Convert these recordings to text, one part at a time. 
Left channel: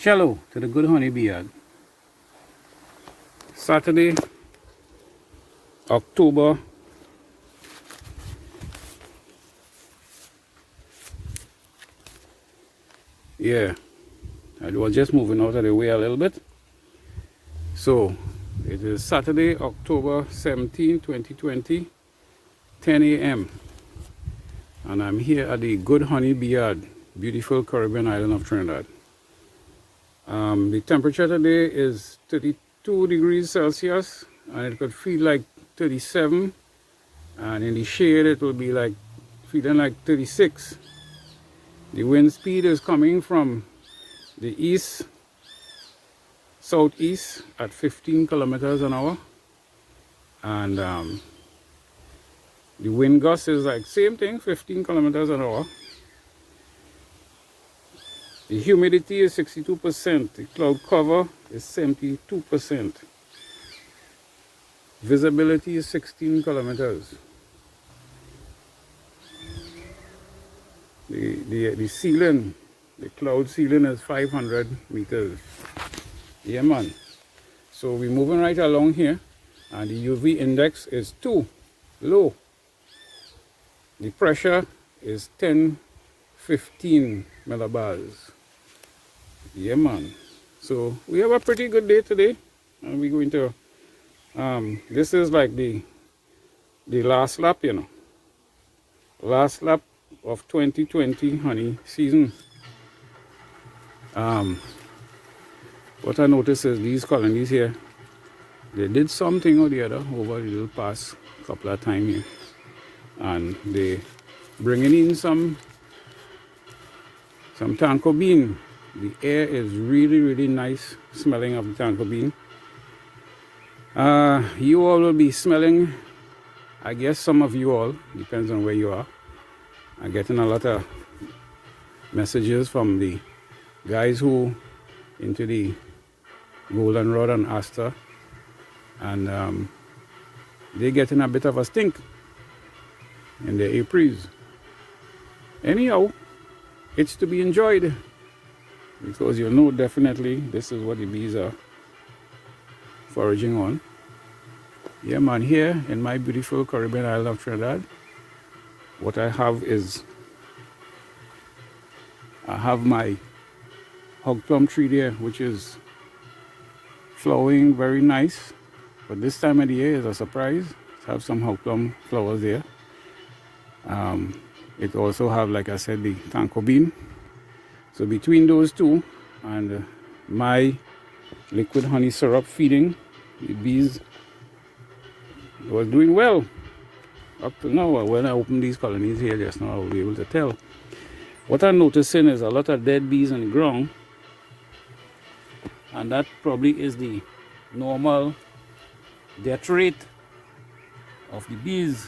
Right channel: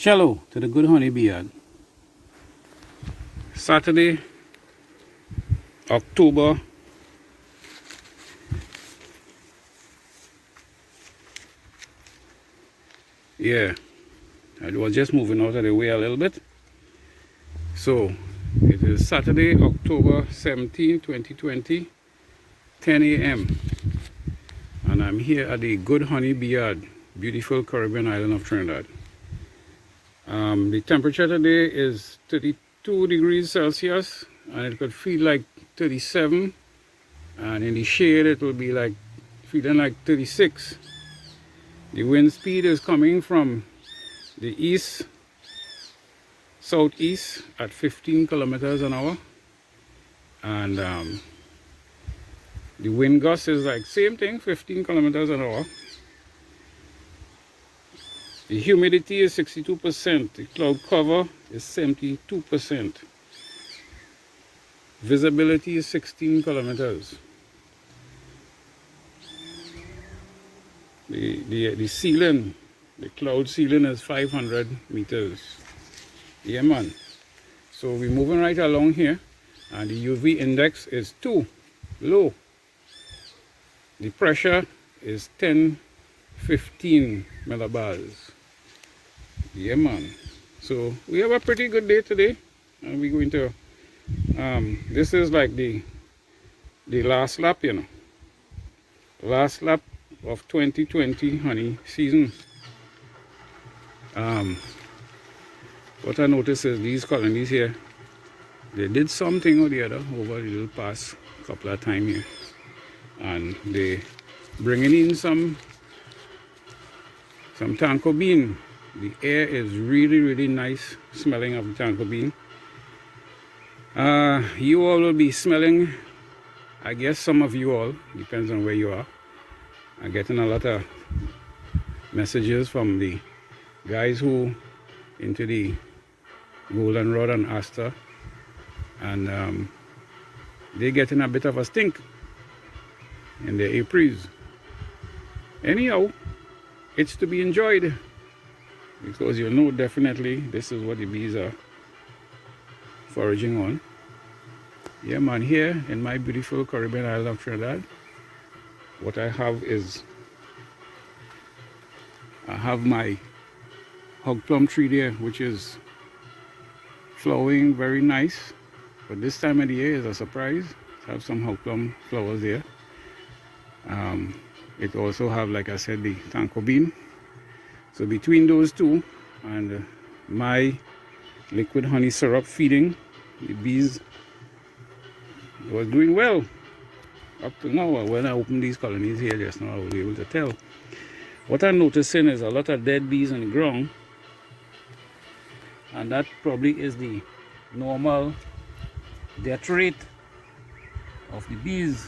Cello to the good honeybee yard. Saturday, October 'Yeah, I was just moving out of the way a little bit. So it is Saturday, October 17, 2020, 10 a.m. and I'm here at the Good Honeybee Yard, beautiful Caribbean island of Trinidad. The temperature today is 32 degrees Celsius and it could feel like 37, and in the shade it will be like feeling like 36. The wind speed is coming from the east southeast at 15 kilometers an hour, and the wind gust is like same thing, 15 kilometers an hour. The humidity is 62%, the cloud cover is 72%, visibility is 16 kilometers. The ceiling, the cloud ceiling is 500 meters. Yeah, man. So we're moving right along here, and the UV index is 2, low. The pressure is 10-15 millibars. Yeah, man. So we have a pretty good day today, and we're going to this is like the last lap, you know, last lap of 2020 honey season. What I noticed is these colonies here, they did something or the other over the past couple of times here, and they bringing in some tanko bean. The air is really nice smelling of the tanko bean. You all will be smelling, I guess some of you all, depends on where you are. I'm getting a lot of messages from the guys who into the goldenrod and aster, and they're getting a bit of a stink in their apres. Anyhow, it's to be enjoyed, because you know definitely this is what the bees are foraging on. Yeah, man, here in my beautiful Caribbean island of Trinidad, what I have is, I have my hog plum tree there, which is flowering very nice, but this time of the year is a surprise. I have some hog plum flowers there. It also have, like I said, the tanko bean. So between those two and my liquid honey syrup feeding, the bees was doing well up to now. When I opened these colonies here just now, I will be able to tell. What I'm noticing is a lot of dead bees on the ground, and that probably is the normal death rate of the bees.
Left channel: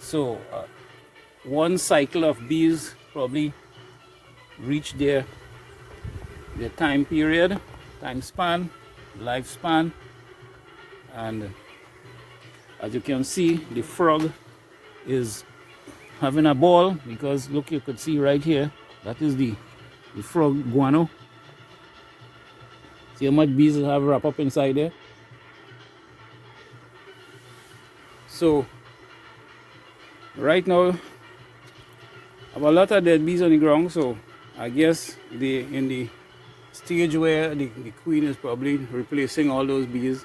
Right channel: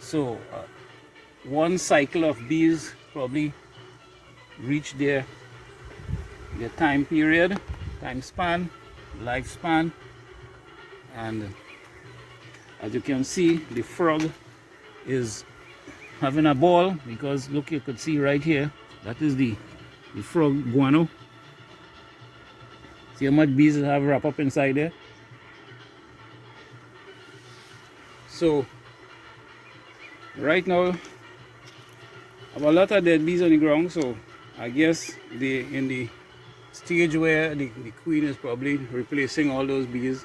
So one cycle of bees probably reach their time period, time span, lifespan, and as you can see, the frog is having a ball, because look, you could see right here, that is the frog guano. See how much bees have wrapped up inside there. So right now I have a lot of dead bees on the ground, so I guess they in the stage where the queen is probably replacing all those bees.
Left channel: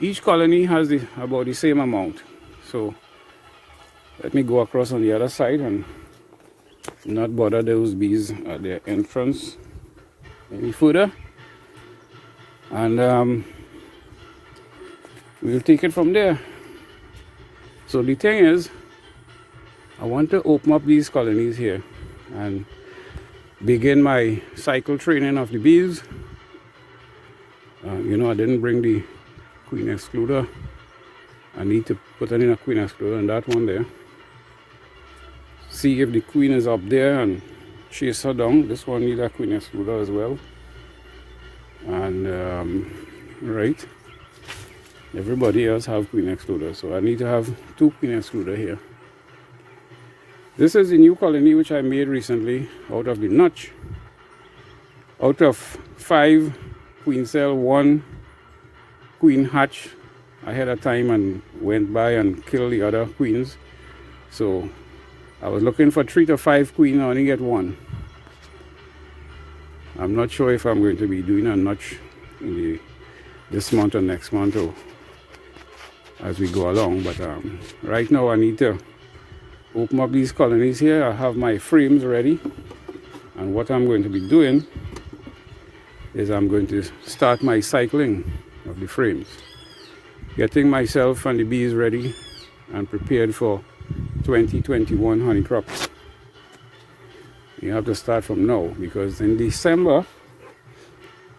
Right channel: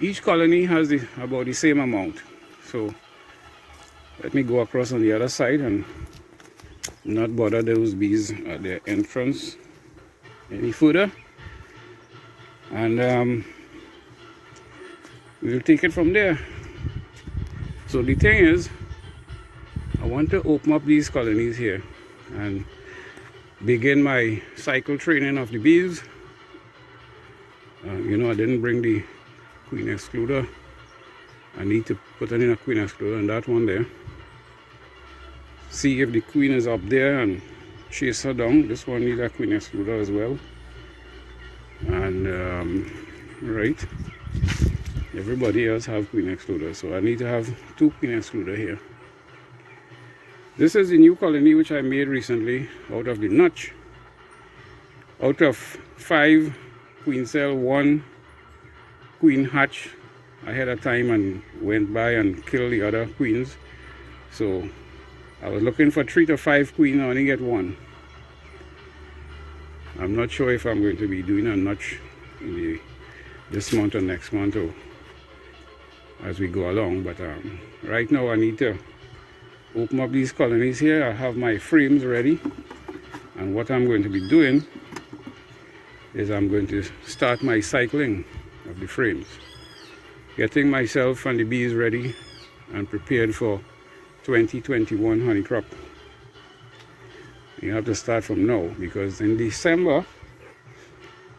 Each colony has about the same amount. So let me go across on the other side and not bother those bees at their entrance any further, and we'll take it from there. So the thing is, I want to open up these colonies here and begin my cycle training of the bees. You know, I didn't bring the queen excluder. I need to put in a queen excluder on that one there. See if the queen is up there and chase her down. This one needs a queen excluder as well. And right, Everybody else have queen excluder, so I need to have 2 queen excluder here. This is the new colony which I made recently out of the notch. Out of 5 queen cell, 1 queen hatch ahead of time and went by and killed the other queens. So I was looking for 3 to 5 queen, I only get 1. I'm not sure if I'm going to be doing a notch in this month or next month or as we go along, but right now I need to open up these colonies here. I have my frames ready, and what I'm going to be doing is I'm going to start my cycling of the frames, getting myself and the bees ready and prepared for 2021 honey crop. You have to start from now, because in December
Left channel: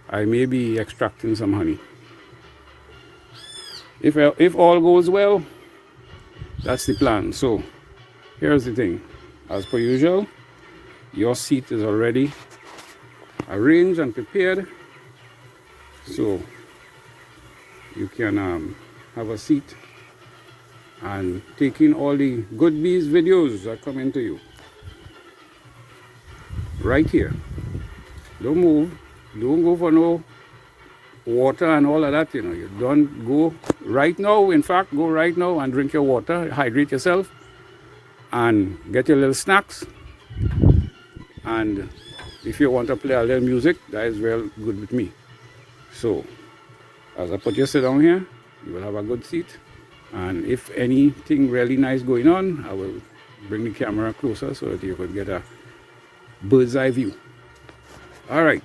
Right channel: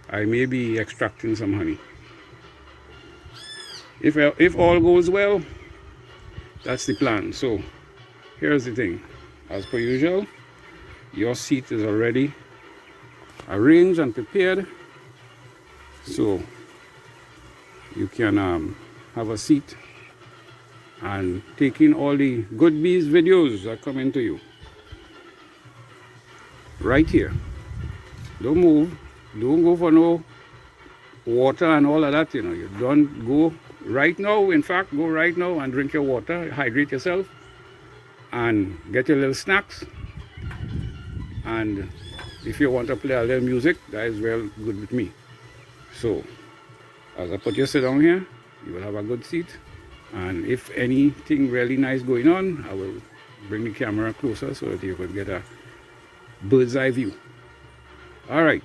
I may be extracting some honey. If all goes well, that's the plan. So here's the thing. As per usual, your seat is already arranged and prepared, so you can have a seat and take in all the good bees videos that come into you right here. Don't move, don't go for no water and all of that, you know. You don't go right now. In fact, go right now and drink your water, hydrate yourself, and get your little snacks. And if you want to play a little music, that is well good with me. So as I put you sit down here, you will have a good seat, and if anything really nice going on, I will bring the camera closer so that you could get a bird's eye view. All right.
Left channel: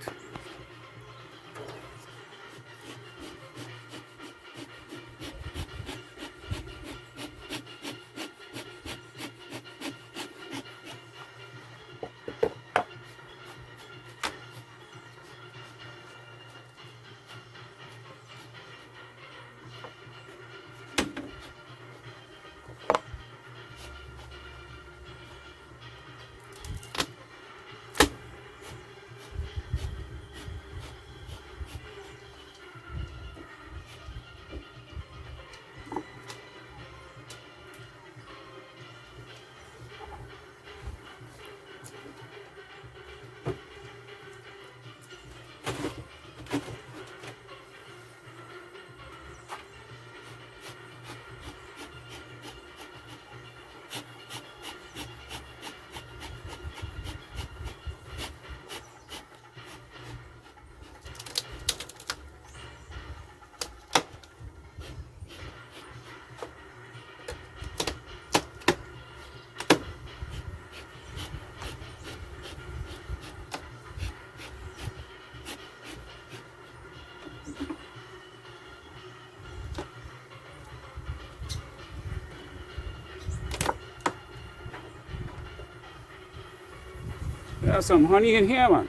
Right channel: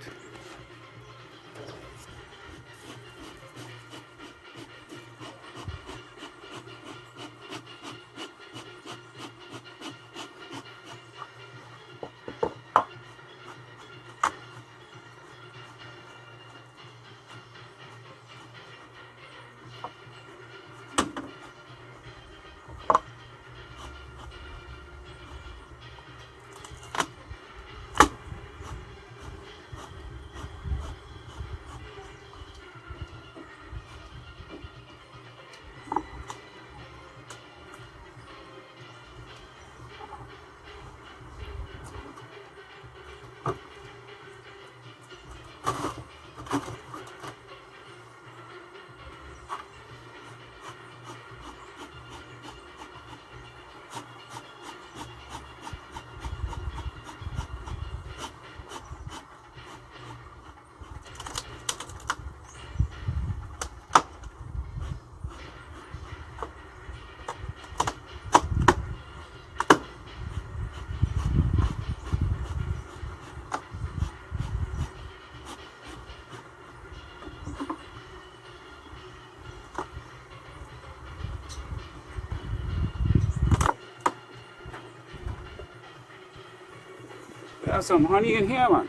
There's some honey in here, man.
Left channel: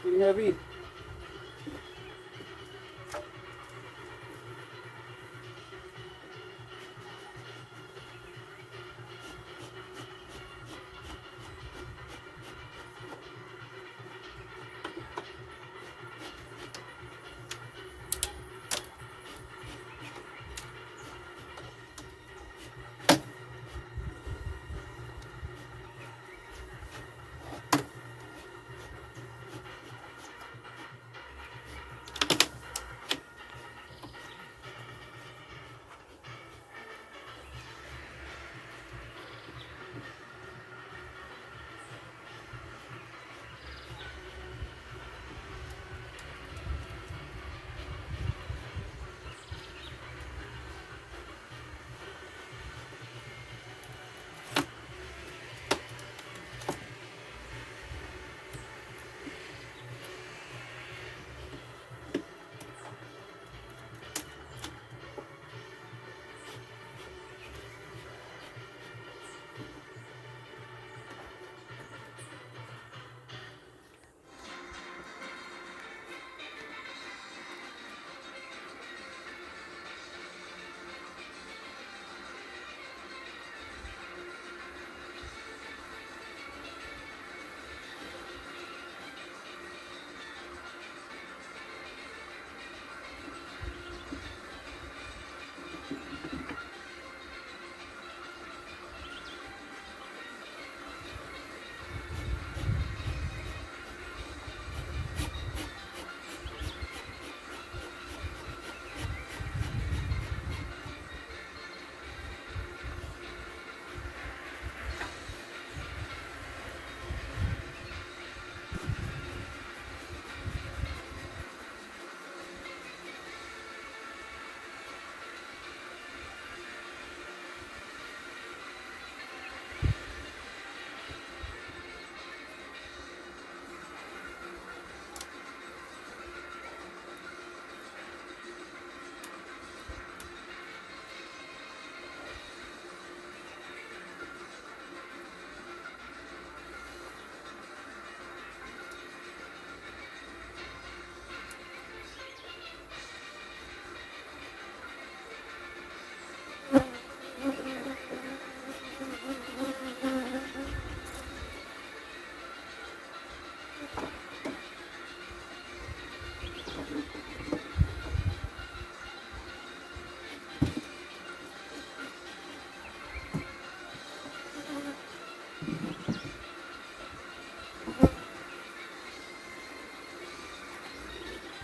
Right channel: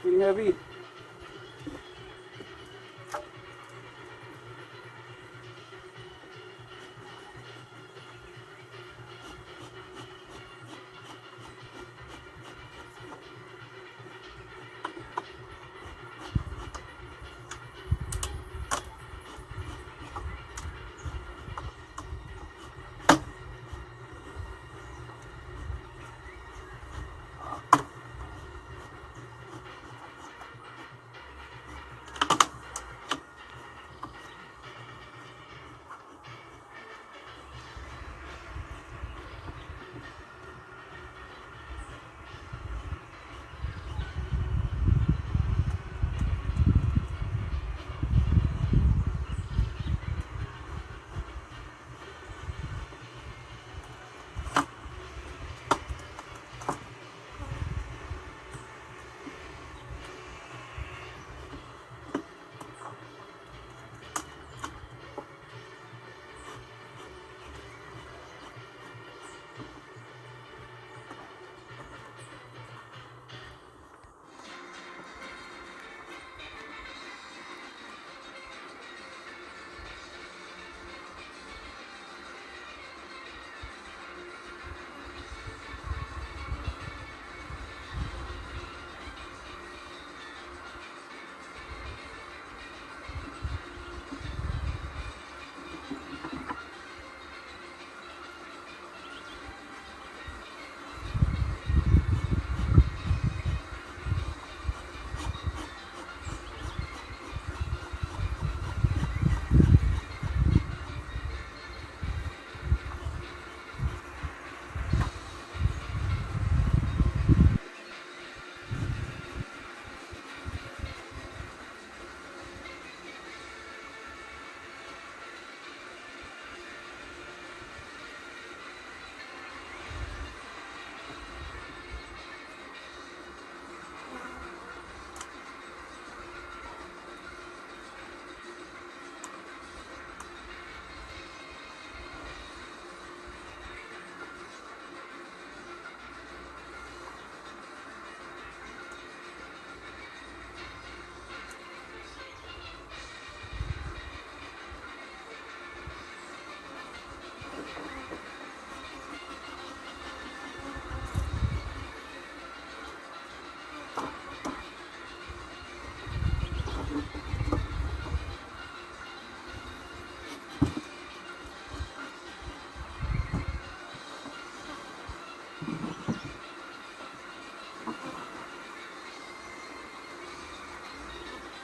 Pretty heavy.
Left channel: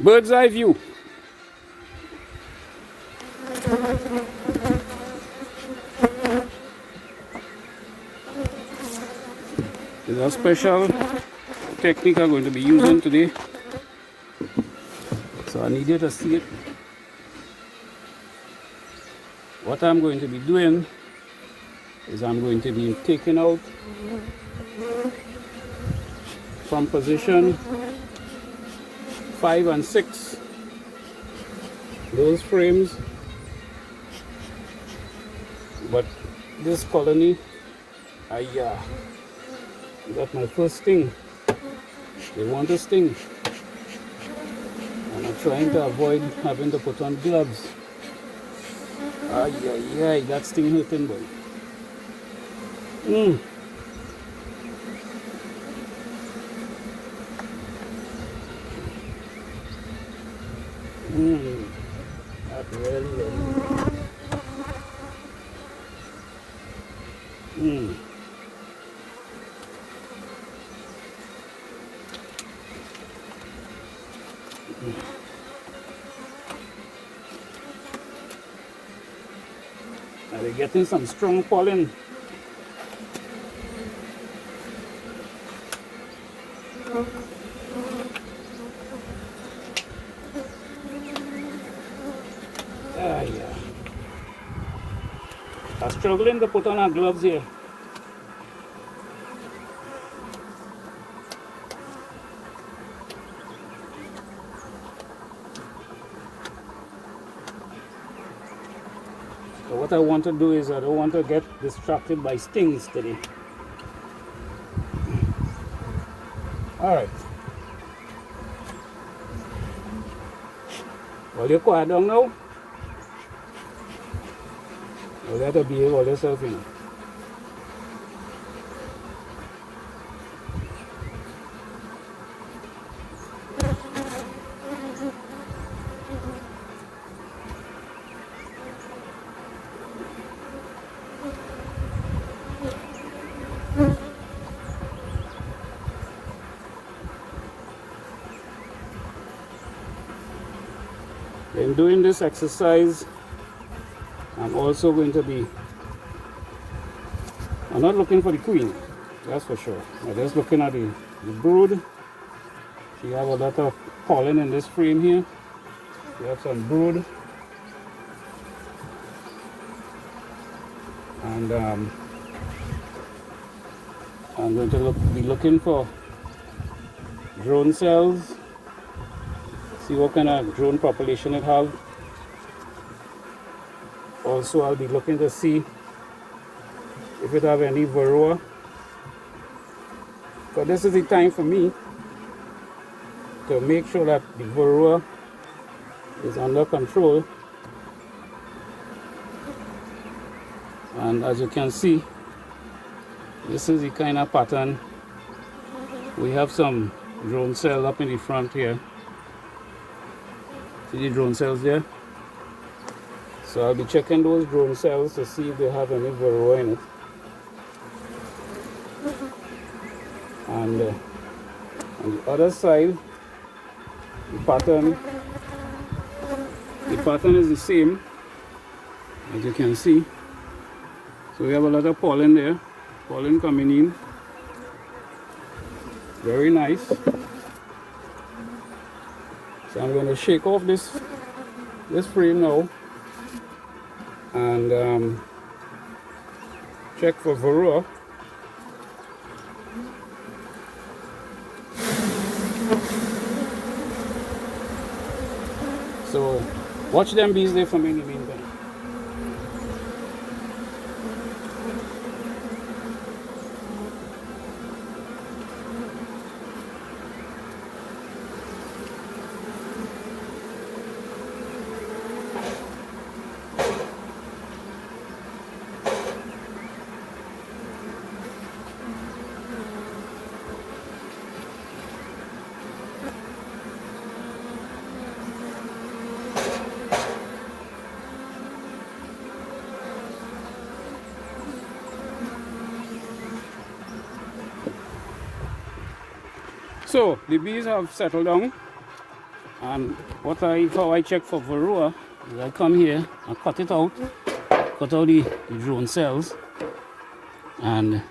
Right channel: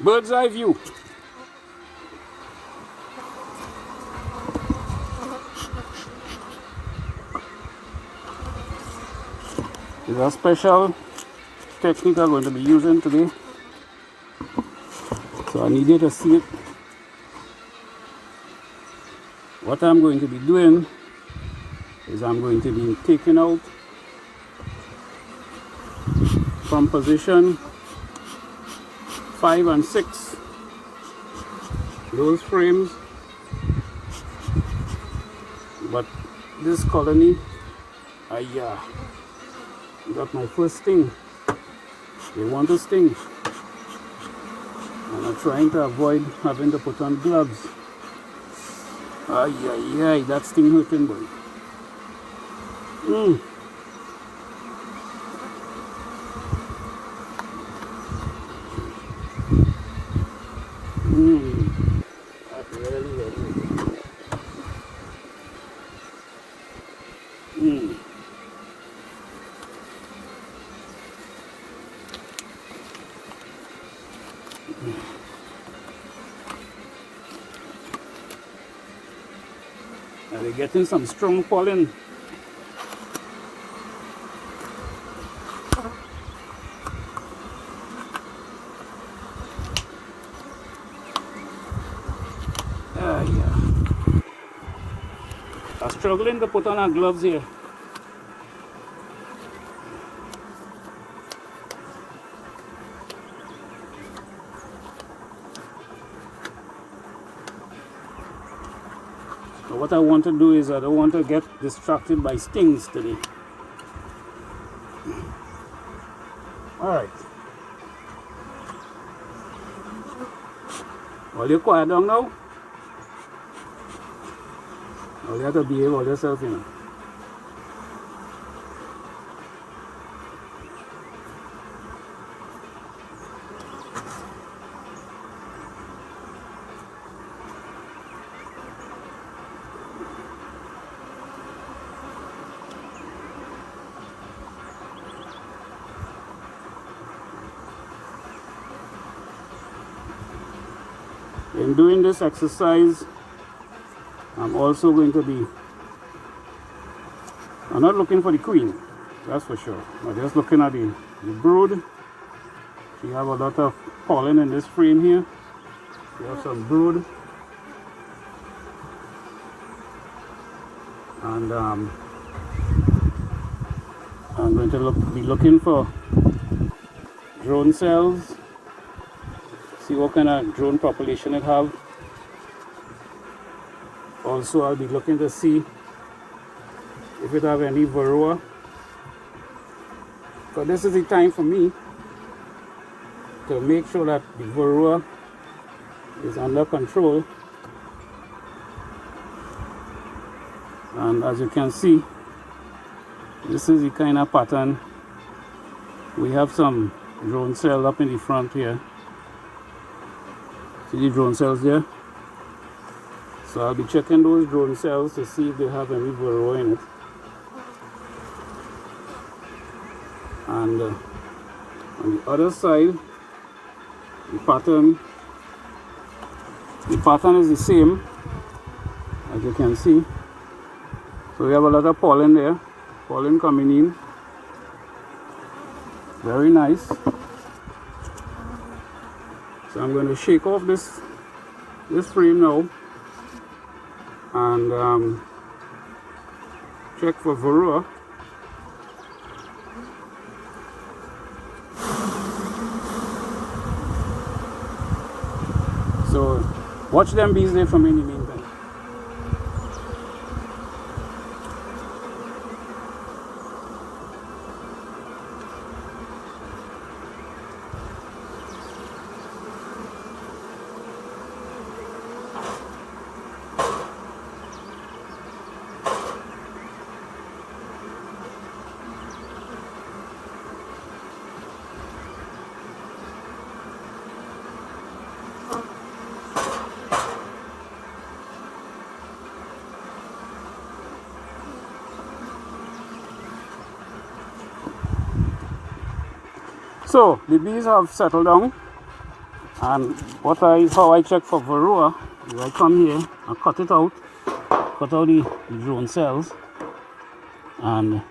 Bird's eye view. This is a special technique I'm going to be using today. So I need you to see it. What I'm going to be doing is I'm going to be taking out from position 5 and 6 those frames, but this colony, I got my first sting. They want to sting, and I'm trying to avoid having to put on gloves. That sting hurting, boy. That really. Now we're getting some strong pollen. I'm struggling to put on our gloves here. So what I want to do is I don't want to get distracted by stings today. Alright. Well, you're quiet down now. Well, you have to behave all yourself, you know. In doing this exercise, I'm also going to be, I'm not looking for the queen, that's for sure. I'm just looking at the brood. We have a lot of pollen in this frame here. We have some brood. And I'm going to be looking for drone cells. See what kind of drone population it have. Also, I'll be looking to see if it have any varroa. So this is the time for me to make sure that the varroa is under control. And as you can see, this is the kind of pattern. We have some drone cells up in the front here. See the drone cells there? So I'll be checking those drone cells to see if they have any varroa in it. And on the other side, the pattern is the same, as you can see. So we have a lot of pollen there, pollen coming in. Very nice. So I'm going to shake off this frame now and check for varroa. So watch them bees there for me in the meantime. So the bees have settled down And how I check for varroa is I come here and cut out the drone cells, and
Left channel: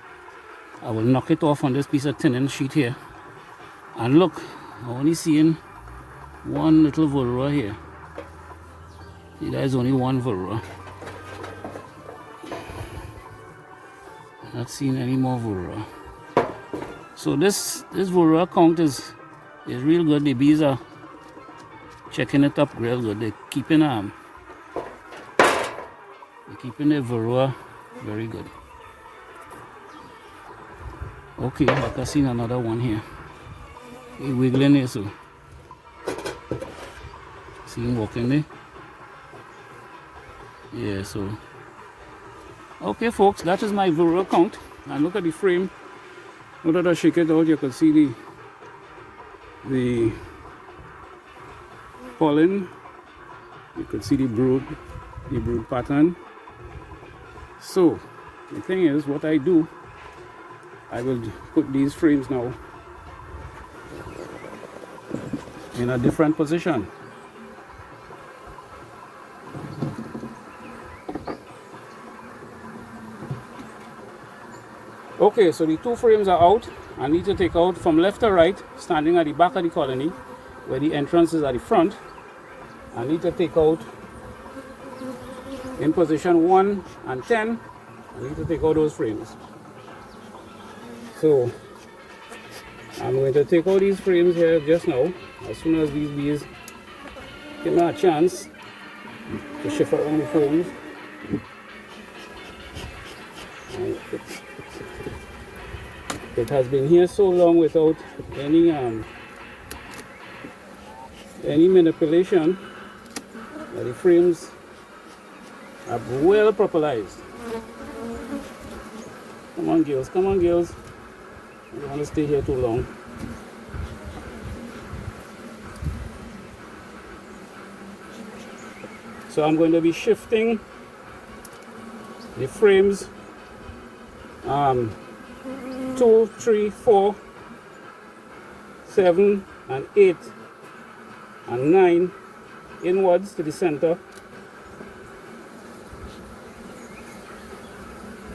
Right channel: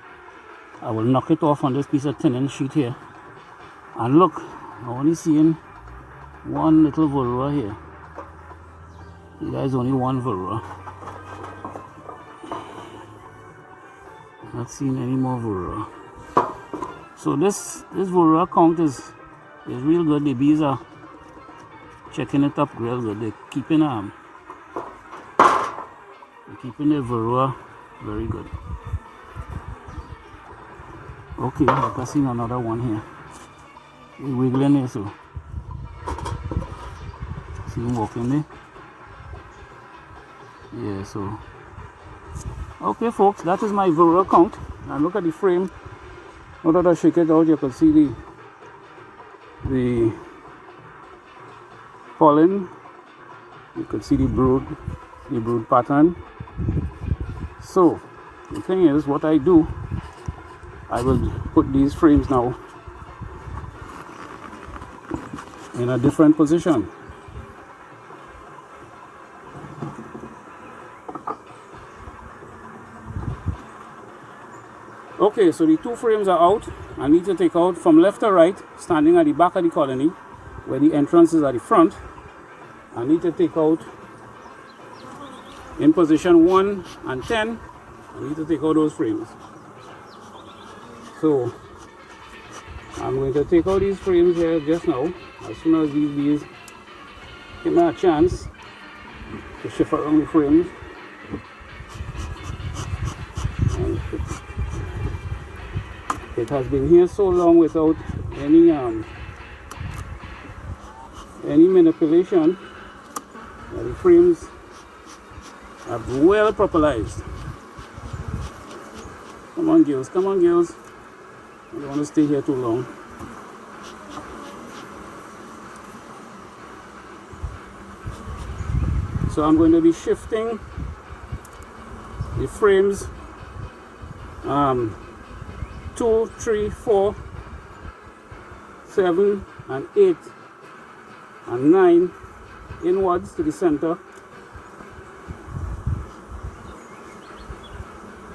I will knock it off on this piece of thinning sheet here. And look, I'm only seeing one little varroa here. See, there's only one varroa. Not seeing any more varroa. So this varroa count is real good. The bees are checking it up real good. They're keeping the varroa very good. Okay, like I seen another one here. He's wiggling here, so see him walking there. Yeah, so okay, folks, that is my varroa count. And look at the frame. Now that I shake it out, you can see the pollen. You can see the brood pattern. So the thing is, what I do, I will put these frames now in a different position. Okay, so the two frames are out. I need to take out from left to right, standing at the back of the colony, where the entrance is at the front. I need to take out in position 1 and 10. I need to take out those frames. So I'm going to take out these frames here just now, as soon as these bees give me a chance to shift around the frames. And it has been here so long without any manipulation that the frames are well popularized. Come on, girls, come on, girls. I don't want to stay here too long. So I'm going to be shifting the frames 2, 3, 4, 7, and 8, and 9 inwards to the center.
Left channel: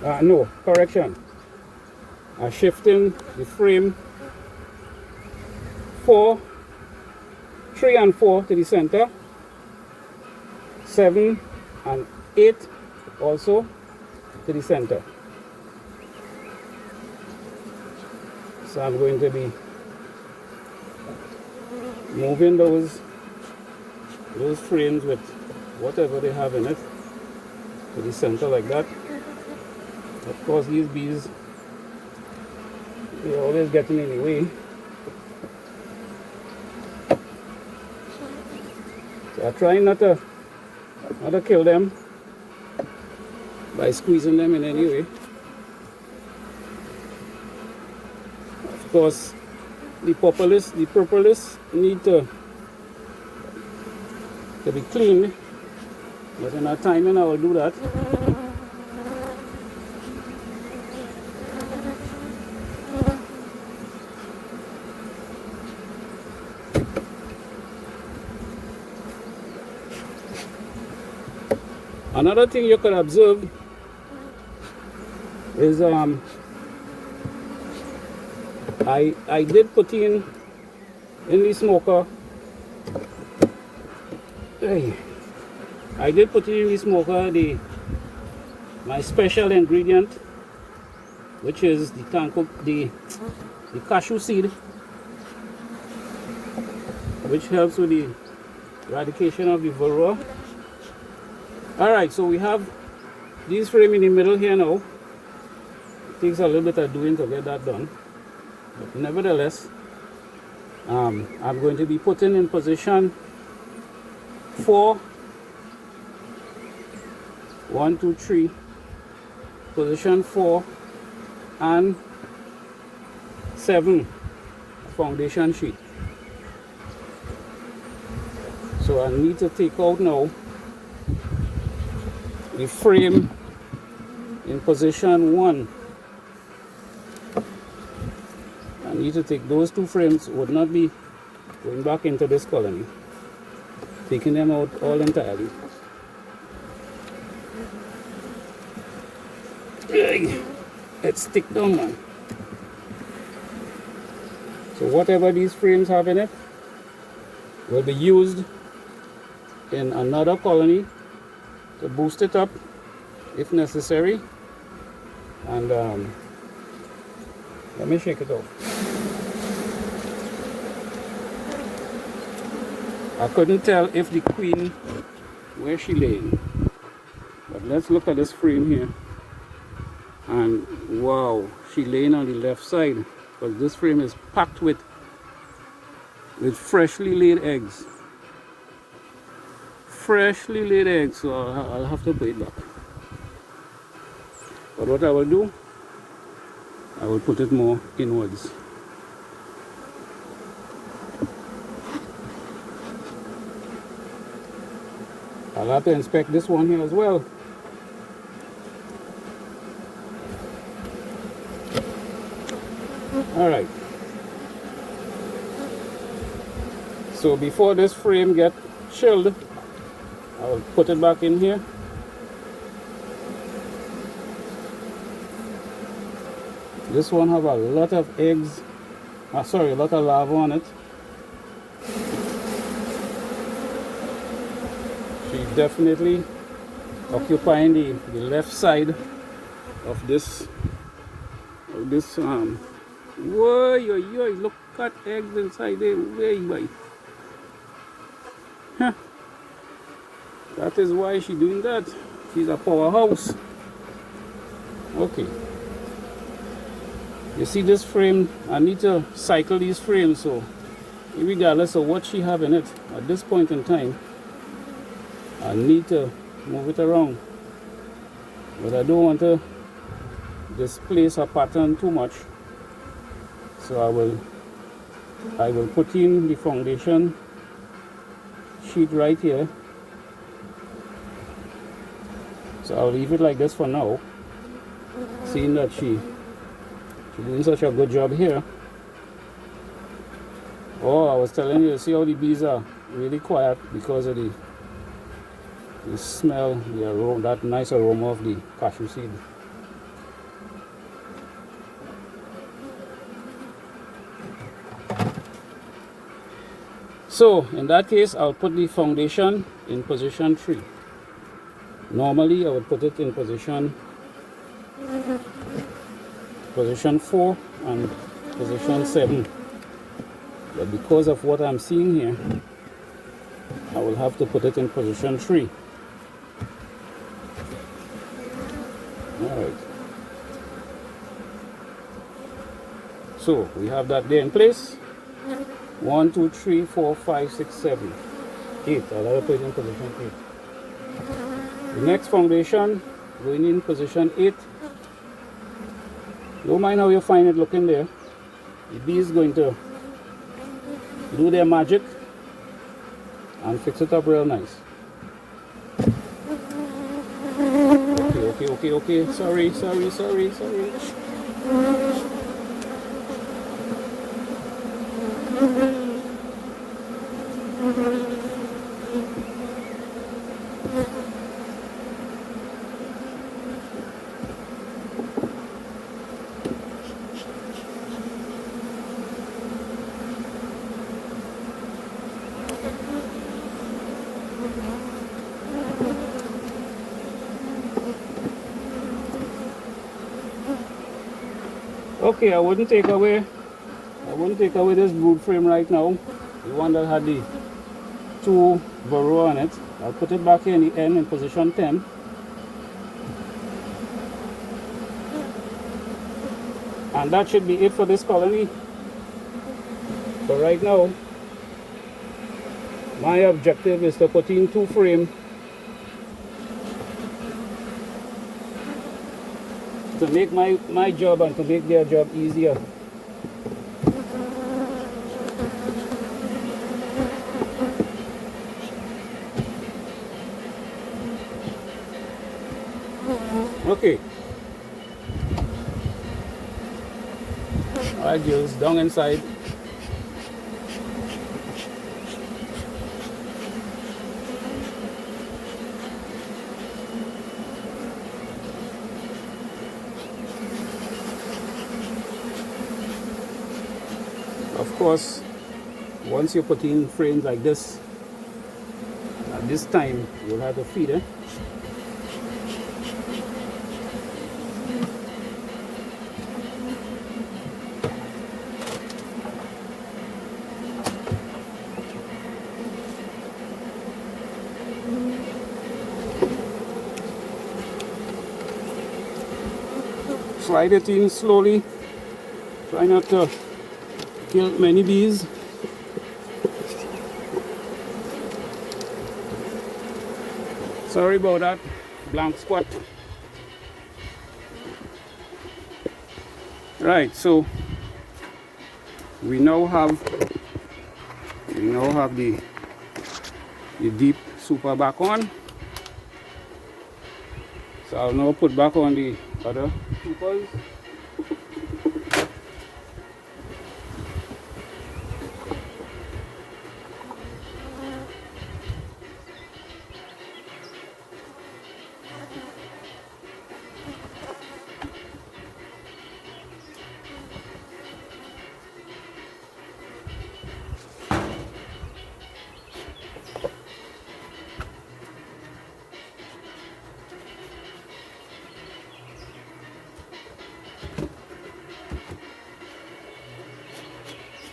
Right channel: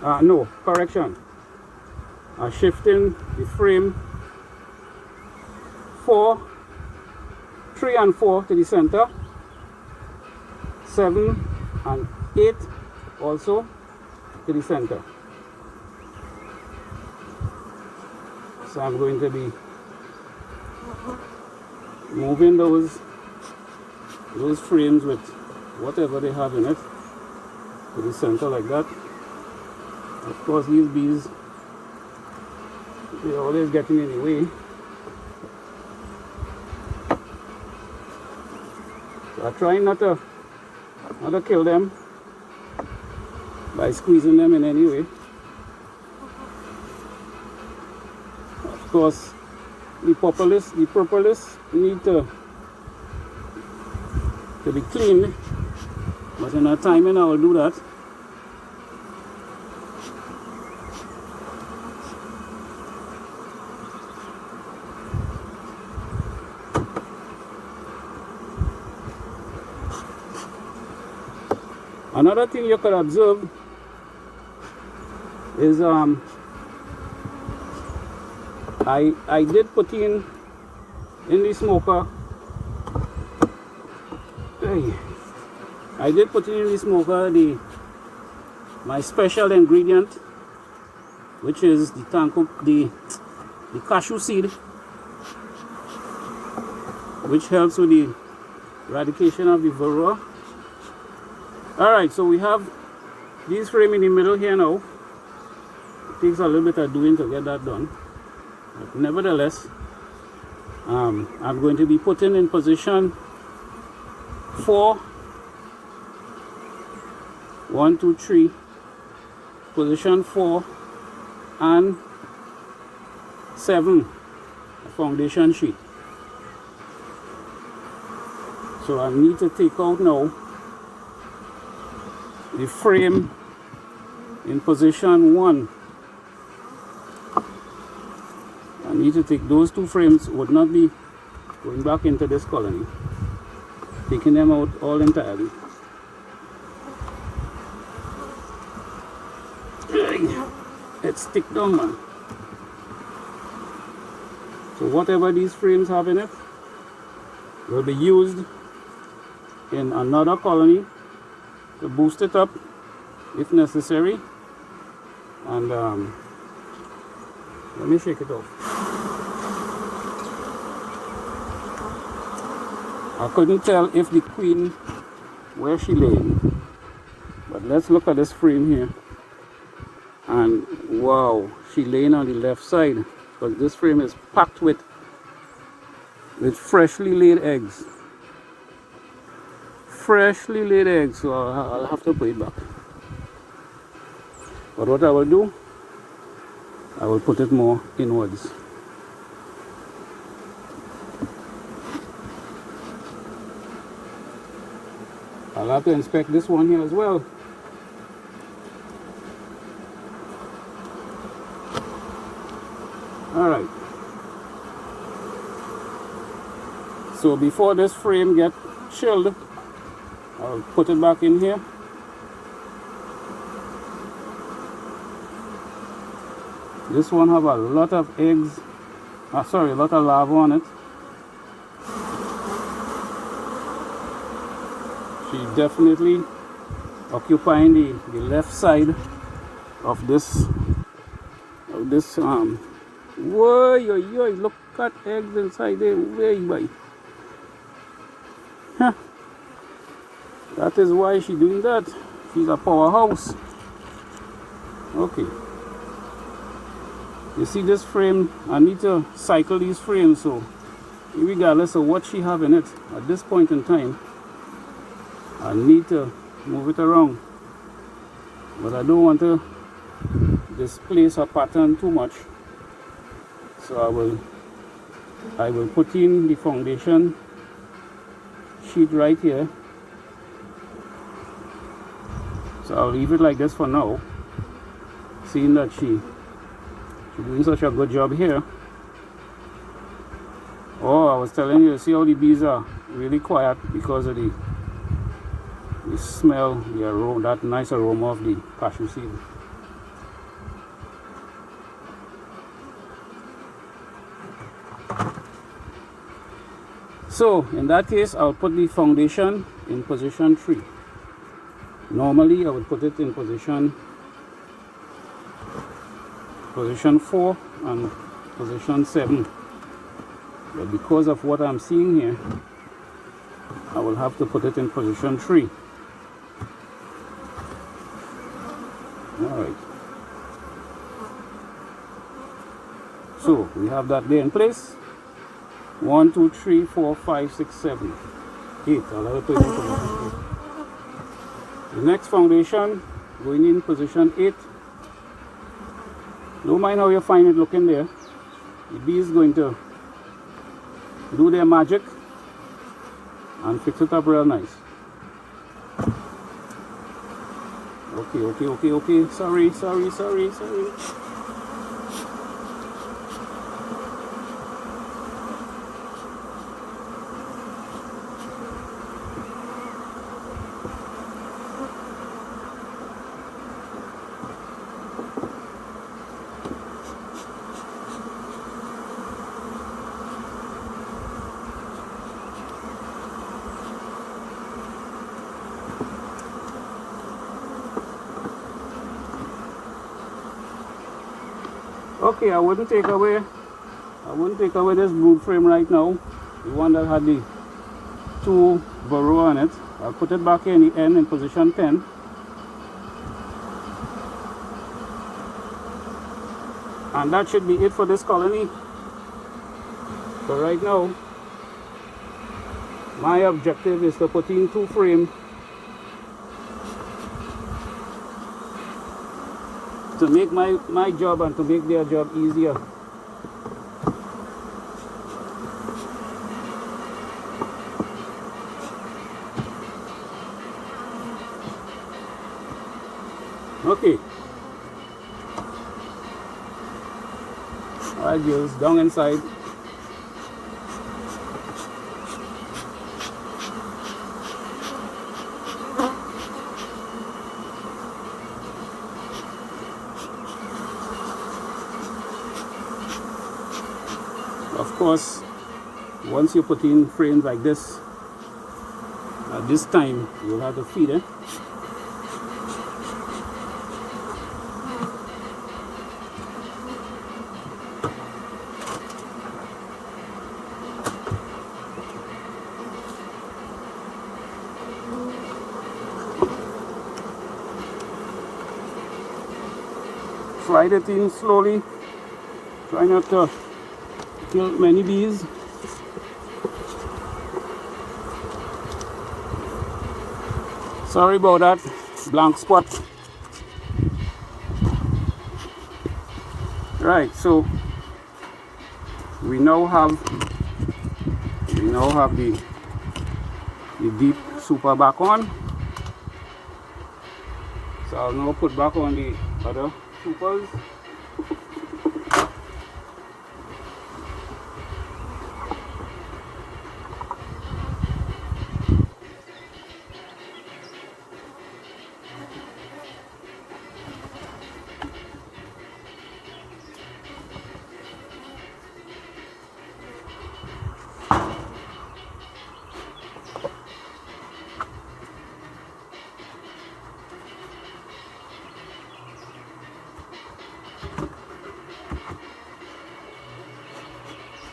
No, correction. I'm shifting the frame 3 and 4 to the center, 7 and 8 also to the center. So I'm going to be moving those frames with whatever they have in it to the center like that. Of course, these bees, they're always getting in the way. So I try not to kill them by squeezing them in any way. Of course, the propolis need to be cleaned, but in our timing I will do that. Another thing you could observe is I did put in the smoker. I did put in the smoker my special ingredient, which is the cashew seed, which helps with the eradication of the varroa. Alright, so we have these frame in the middle here now. It takes a little bit of doing to get that done, but nevertheless, I'm going to be putting in position 4, 1, 2, 3, position 4 and 7 foundation sheet. So I need to take out now the frame in position 1. I need to take those two frames, would not be going back into this colony. taking them out all entirely. Let's stick down, man. So whatever these frames have in it will be used in another colony to boost it up if necessary. And let me shake it off. I couldn't tell if the queen, where she lay, but let's look at this frame here. And wow, she laying on the left side, but this frame is packed with freshly laid eggs. Freshly laid eggs, so I'll have to put it back. But what I will do, I will put it more inwards. I'll have to inspect this one here as well. Alright. So before this frame gets chilled, I'll put it back in here. This one have a lot of eggs, a lot of larvae on it. She definitely occupying the left side of this whoa, look at eggs inside there, way boy. Huh. That is why she's doing that. She's a powerhouse. Okay. You see this frame, I need to cycle these frames, so regardless of what she have in it at this point in time, I need to move it around. But I don't want to displace her pattern too much. So I will put in the foundation sheet right here. So I'll leave it like this for now, seeing that she's doing such a good job here. Oh, I was telling you, see how the bees are really quiet because of the smell, the aroma, that nice aroma of the cashew seed. So in that case, I'll put the foundation in position 3. Normally I would put it in position 4 and position 7, but because of what I'm seeing here, I will have to put it in position 3. Alright, so we have that there in place. 1, 2, 3, 4, 5, 6, 7, 8. I'll have to put it in position 8. The next foundation going in position 8. Don't mind how you find it looking there. The bee is going to do their magic and fix it up real nice. Okay. Sorry. Okay, I wouldn't take away this brood frame right now, the one that had the 2 varroa on it. I'll put it back here in the end in position 10. And that should be it for this colony. So right now, my objective is to put in 2 frames to make my job and to make their job easier. Okay. Alright, just down inside. course, once you put in frames like this, at this time you'll have to feed it. Slide it in slowly. Try not to kill many bees. Sorry about that blank spot. Right, so we now have the deep super back on. So I'll now put back on the other supers.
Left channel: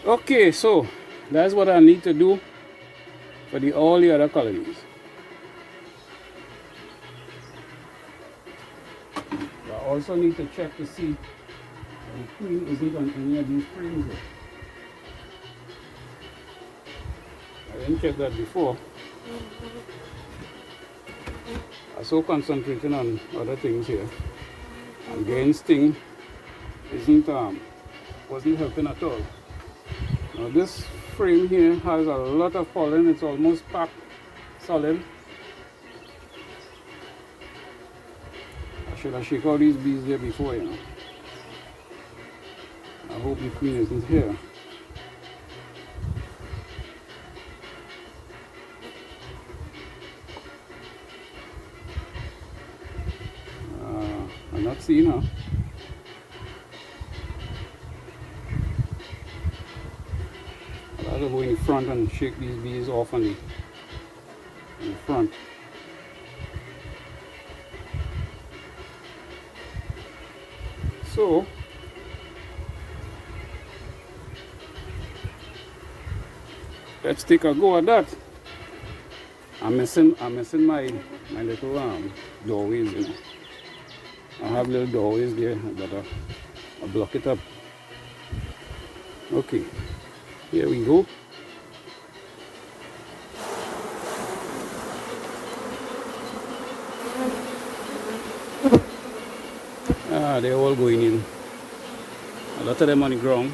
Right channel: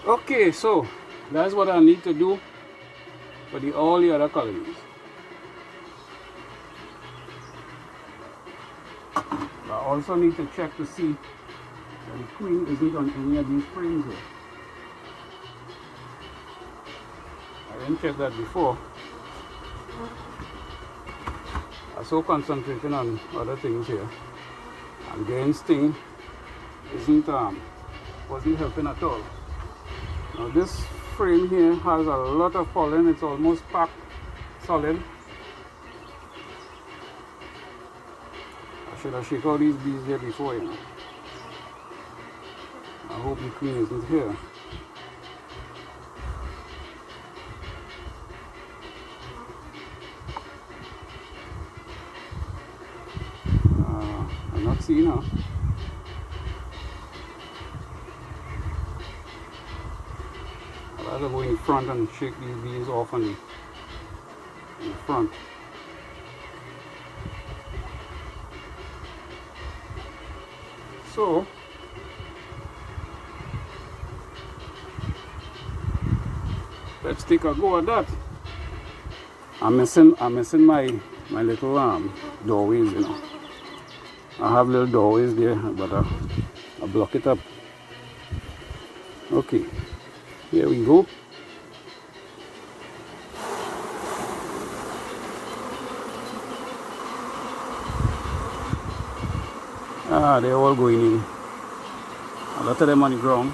Okay, so that's what I need to do for all the other colonies. But I also need to check to see that the queen isn't on any of these frames here. I didn't check that before. I was so concentrating on other things here, and the instinct wasn't helping at all. Now this frame here has a lot of pollen. It's almost packed solid. I should have shaken out these bees there before, you know. I hope the queen isn't here. I'm not seeing her. I'll go in front and shake these bees off on the front. So let's take a go at that. I'm missing my little doorways, you know. I have little doorways there, but I'll block it up. Okay, here we go. They're all going in. A lot of them on the ground.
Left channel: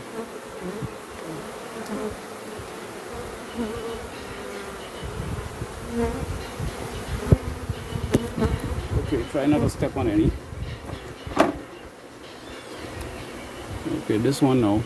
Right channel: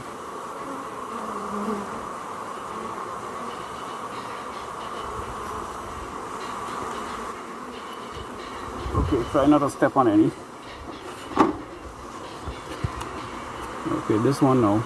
Okay, try not to step on any. Okay, this one now.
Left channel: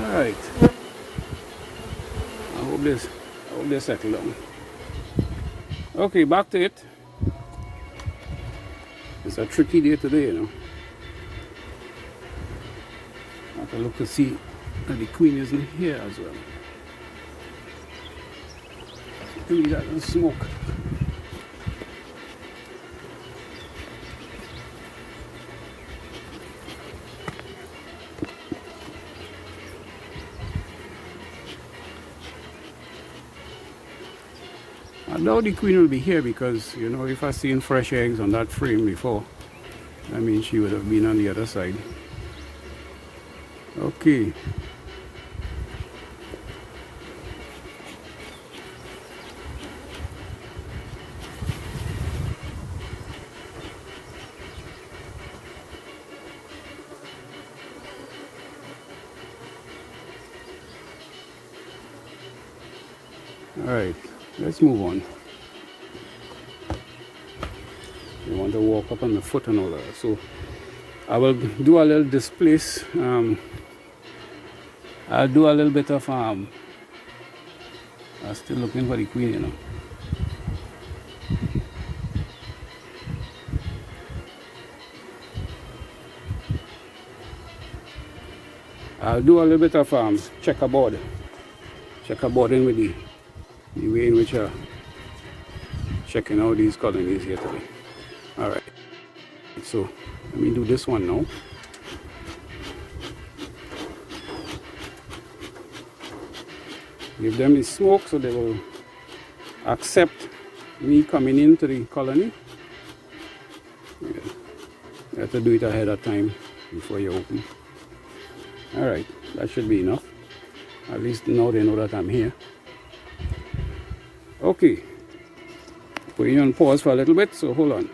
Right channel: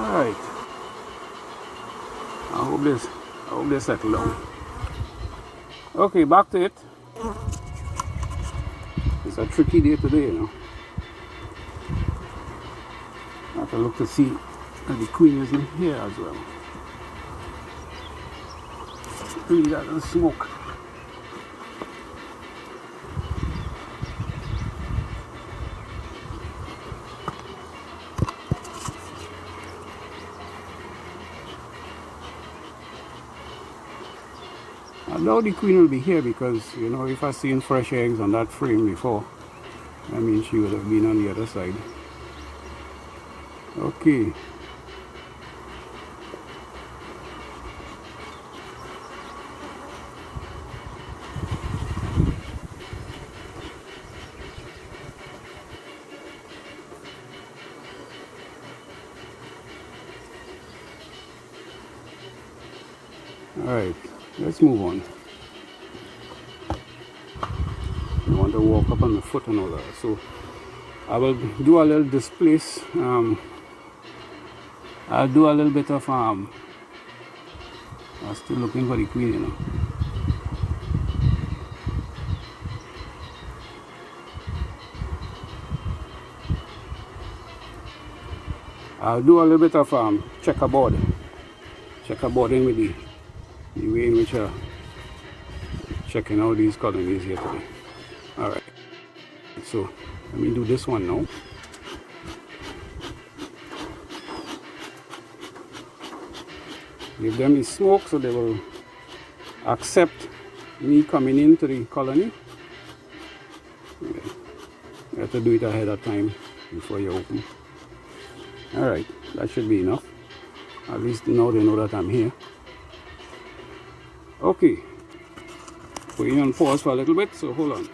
Alright. I hope this settle down. Okay, back to it. It's a tricky day today, you know. I have to look to see if the queen is in here as well. We got the smoke. I know the queen will be here because, you know, if I seen fresh eggs on that frame before, I mean, she would have been on the other side. Okay. Alright, let's move on. You want to walk up on the foot and all that. So I will do a little displace. I'll do a little bit of I'm still looking for the queen, you know. I'll do a little bit of checkerboarding with the way in which I'm checking out these colonies here today. Alright, so let me do this one now. Give them the smoke so they will accept me coming into the colony. Okay. You have to do it ahead of time before you open. Alright, that should be enough. At least now they know that I'm here. Okay, putting on pause for a little bit, so hold on.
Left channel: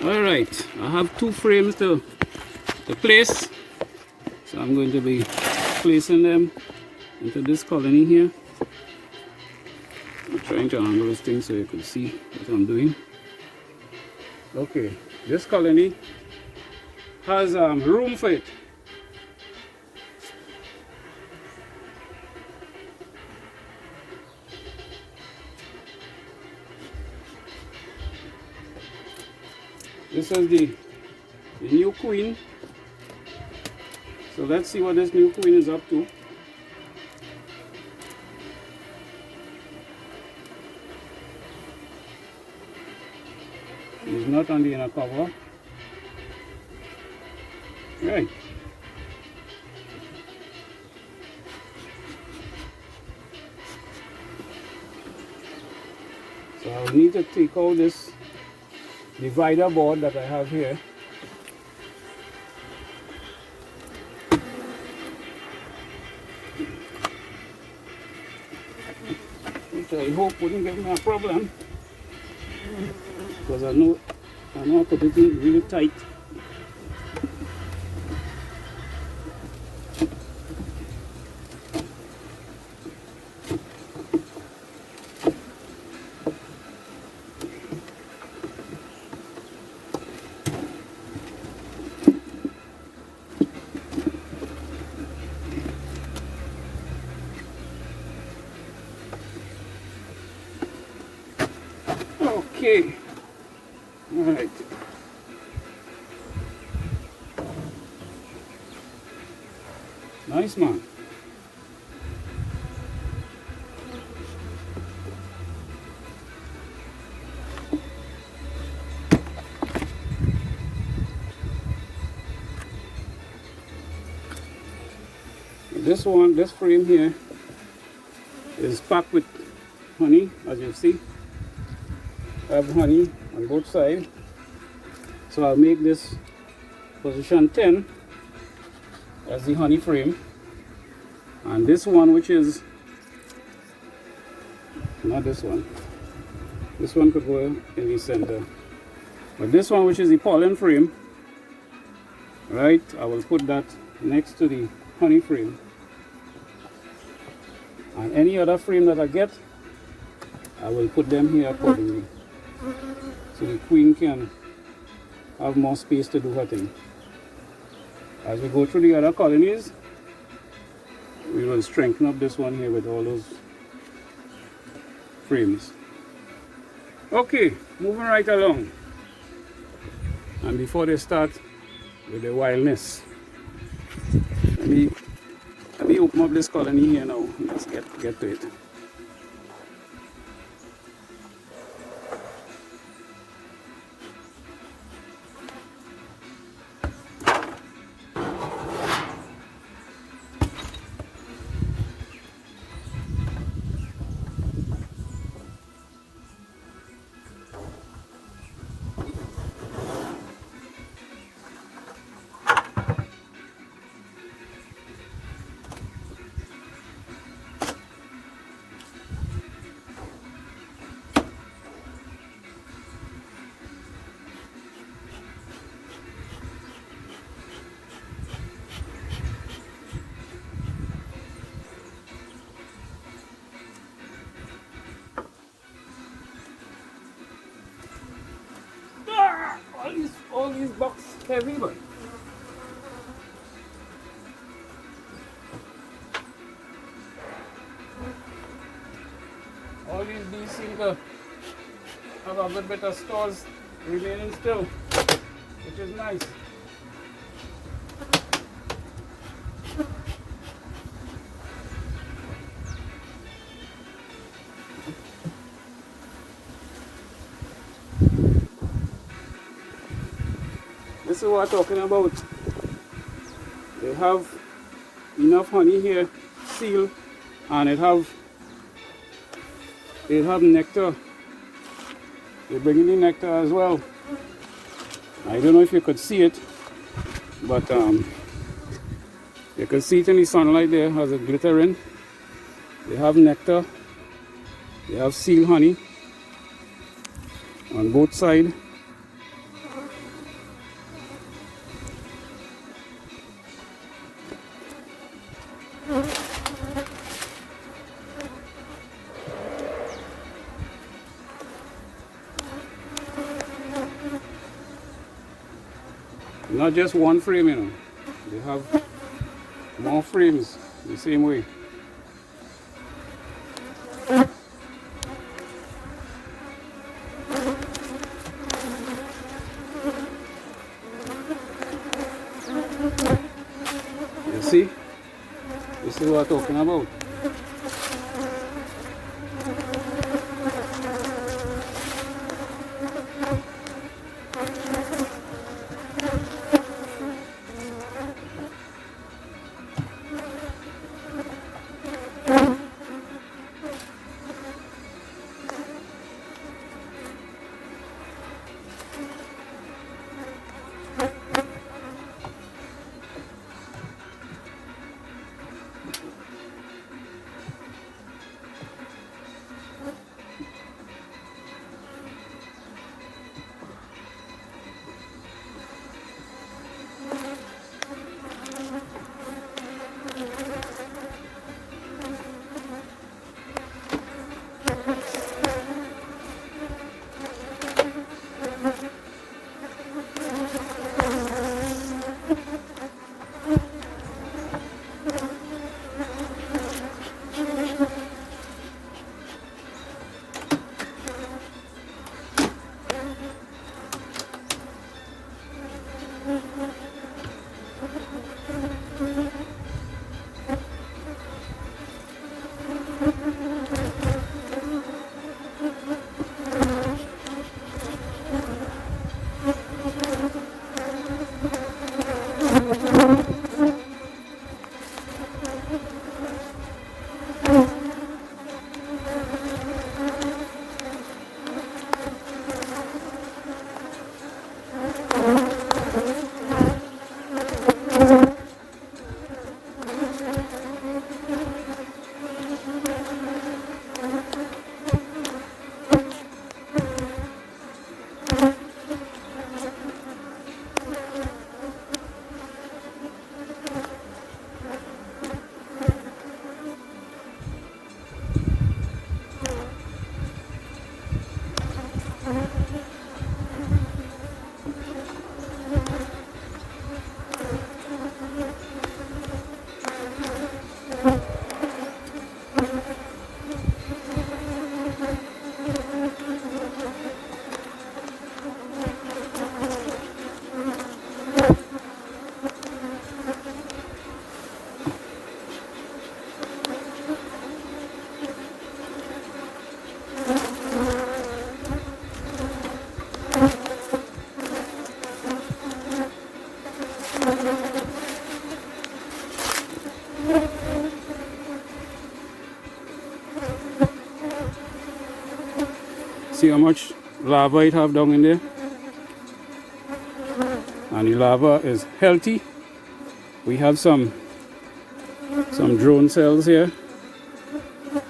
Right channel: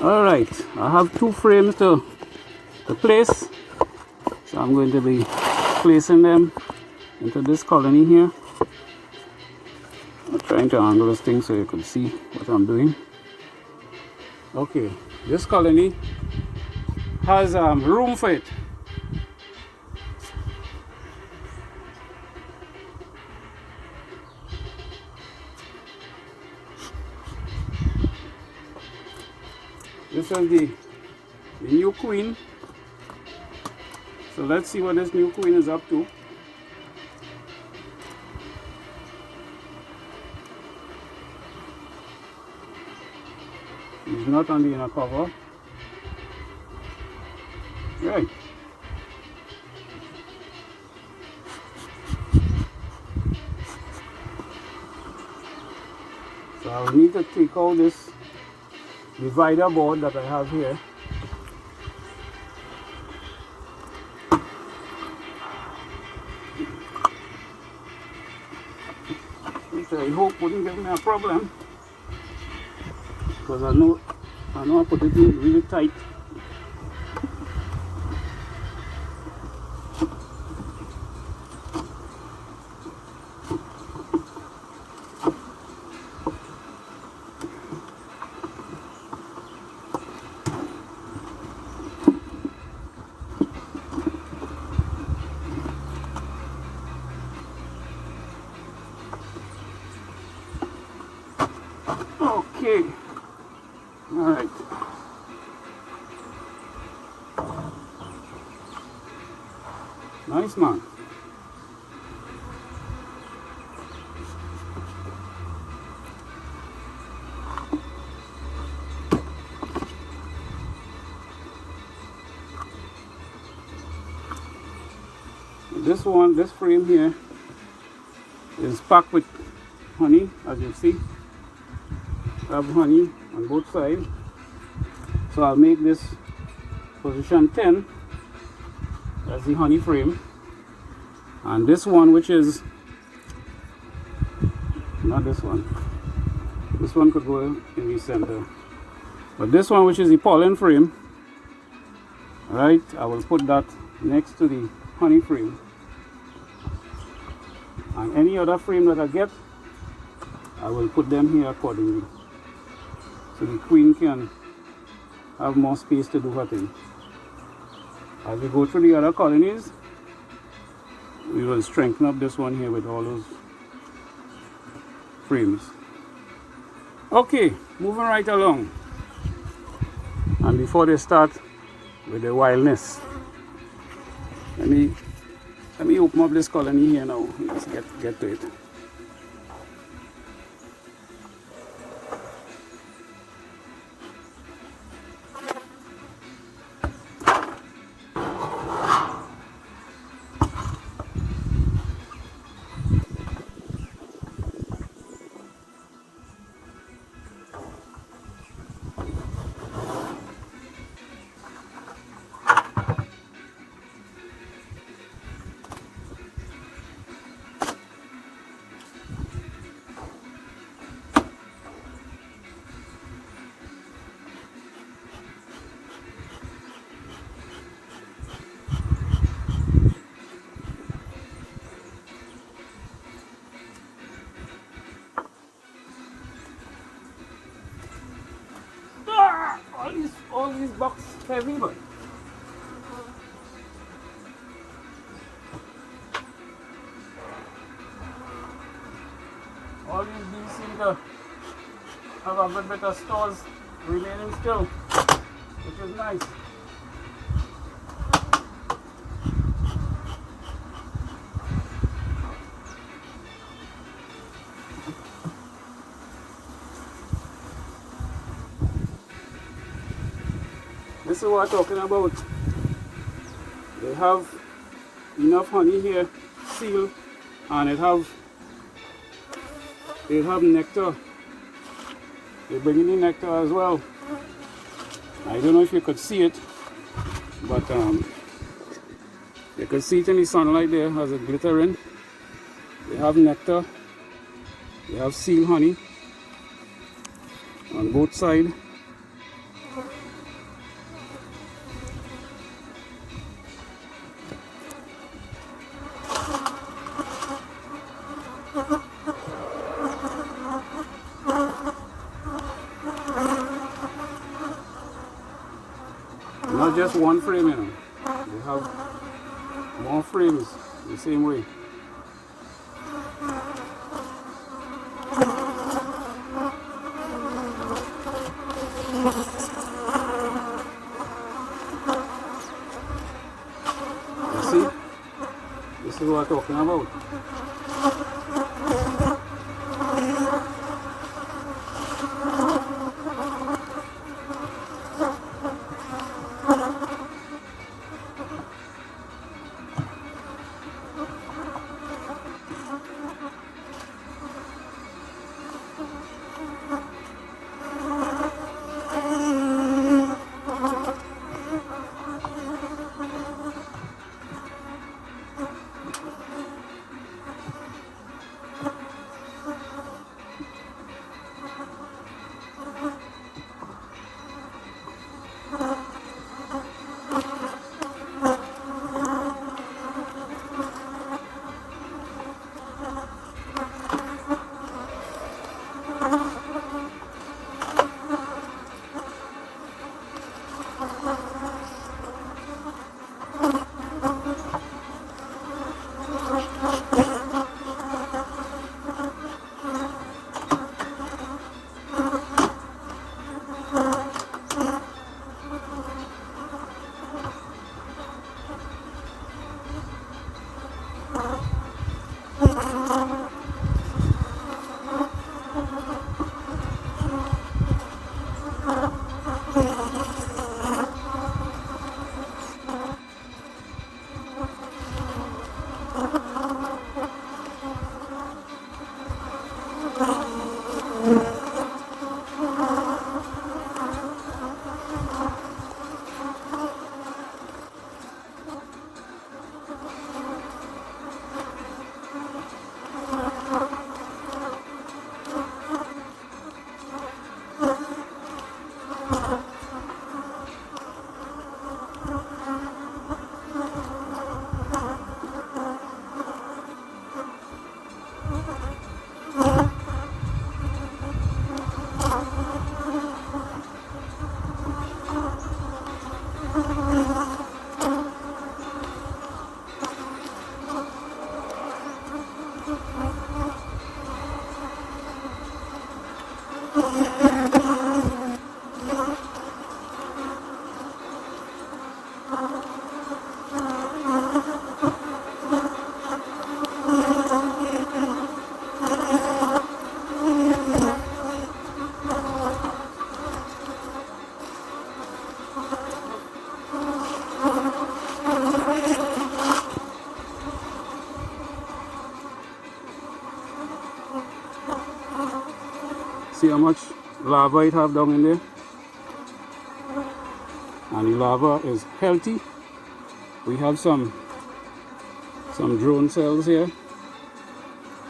Alright, I have 2 frames to place. So I'm going to be placing them into this colony here. I'm trying to angle this thing so you can see what I'm doing. Okay, this colony has room for it. This is the new queen. So let's see what this new queen is up to. She's not on the inner cover. Right. So I'll need to take out this divider board that I have here. Which I hope wouldn't give me a problem, because I know I put it in really tight. Okay, all right. Nice, man. This frame here is packed with honey, as you see. I have honey on both sides, so I'll make this position 10 as the honey frame, and this one, which is not this one could go in the center, but this one, which is the pollen frame, right, I will put that next to the honey frame, and any other frame that I get, I will put them here accordingly, so the queen can have more space to do her thing. As we go through the other colonies, we will strengthen up this one here with all those frames. Okay, moving right along. And before they start with the wildness, let me open up this colony here now. Let's get to it. heavy, but all these bees seem to have a good bit of stores remaining still, which is nice. This is what I'm talking about. They have enough honey here, sealed, and it have nectar. They're bringing the nectar as well. I don't know if you could see it, but you can see it in the sunlight there as it glittering. They have nectar. They have sealed honey on both sides. Not just one frame, you know. They have more frames the same way. You see? This is what I'm talking about. See how much lava it have down in there? And the lava is healthy. We have some drone cells here,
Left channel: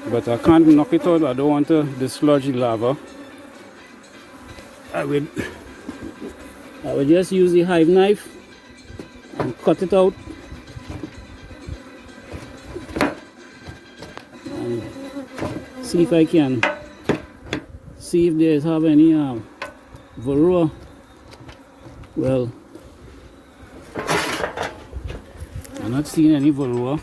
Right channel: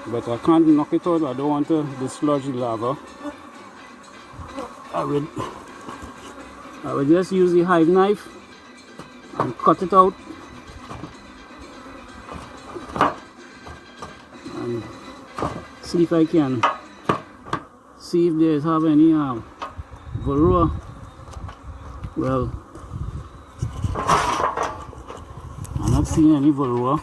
but I can't knock it out. I don't want to dislodge the lava. I will just use the hive knife and cut it out and see if I can see if they have any varroa. Well, Not seeing any varroa.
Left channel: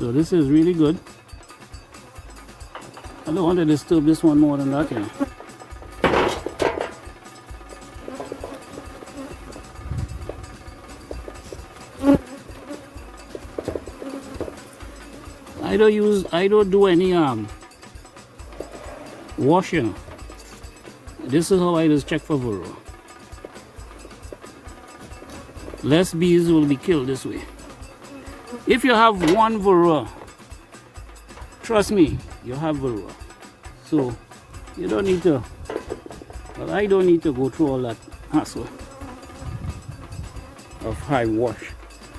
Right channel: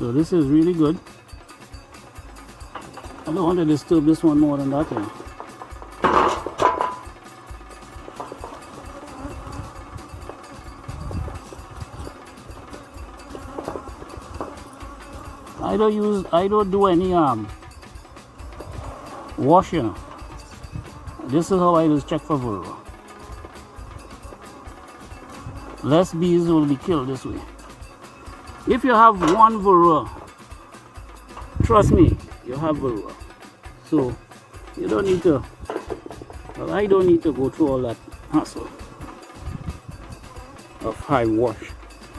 So this is really good. I don't want to disturb this one more than that one. I don't do any washing. This is how I just check for varroa. Less bees will be killed this way. If you have one varroa, trust me, you have varroa. So you don't need to, well, I don't need to go through all that hassle of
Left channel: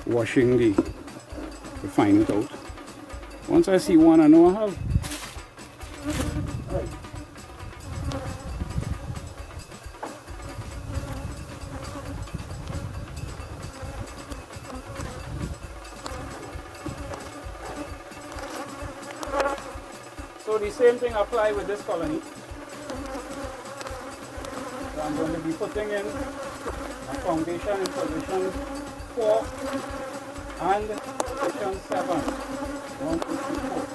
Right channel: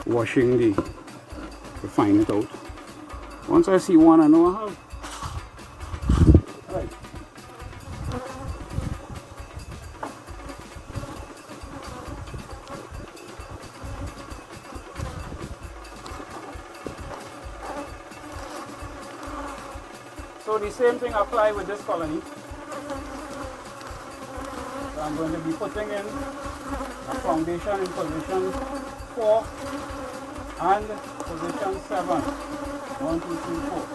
washing to find it out. Once I see one, I know I have. Right. So the same thing applies with this colony. So I'm going to be putting in a foundation in position 4 and position 7. 1, 2, 3, 4.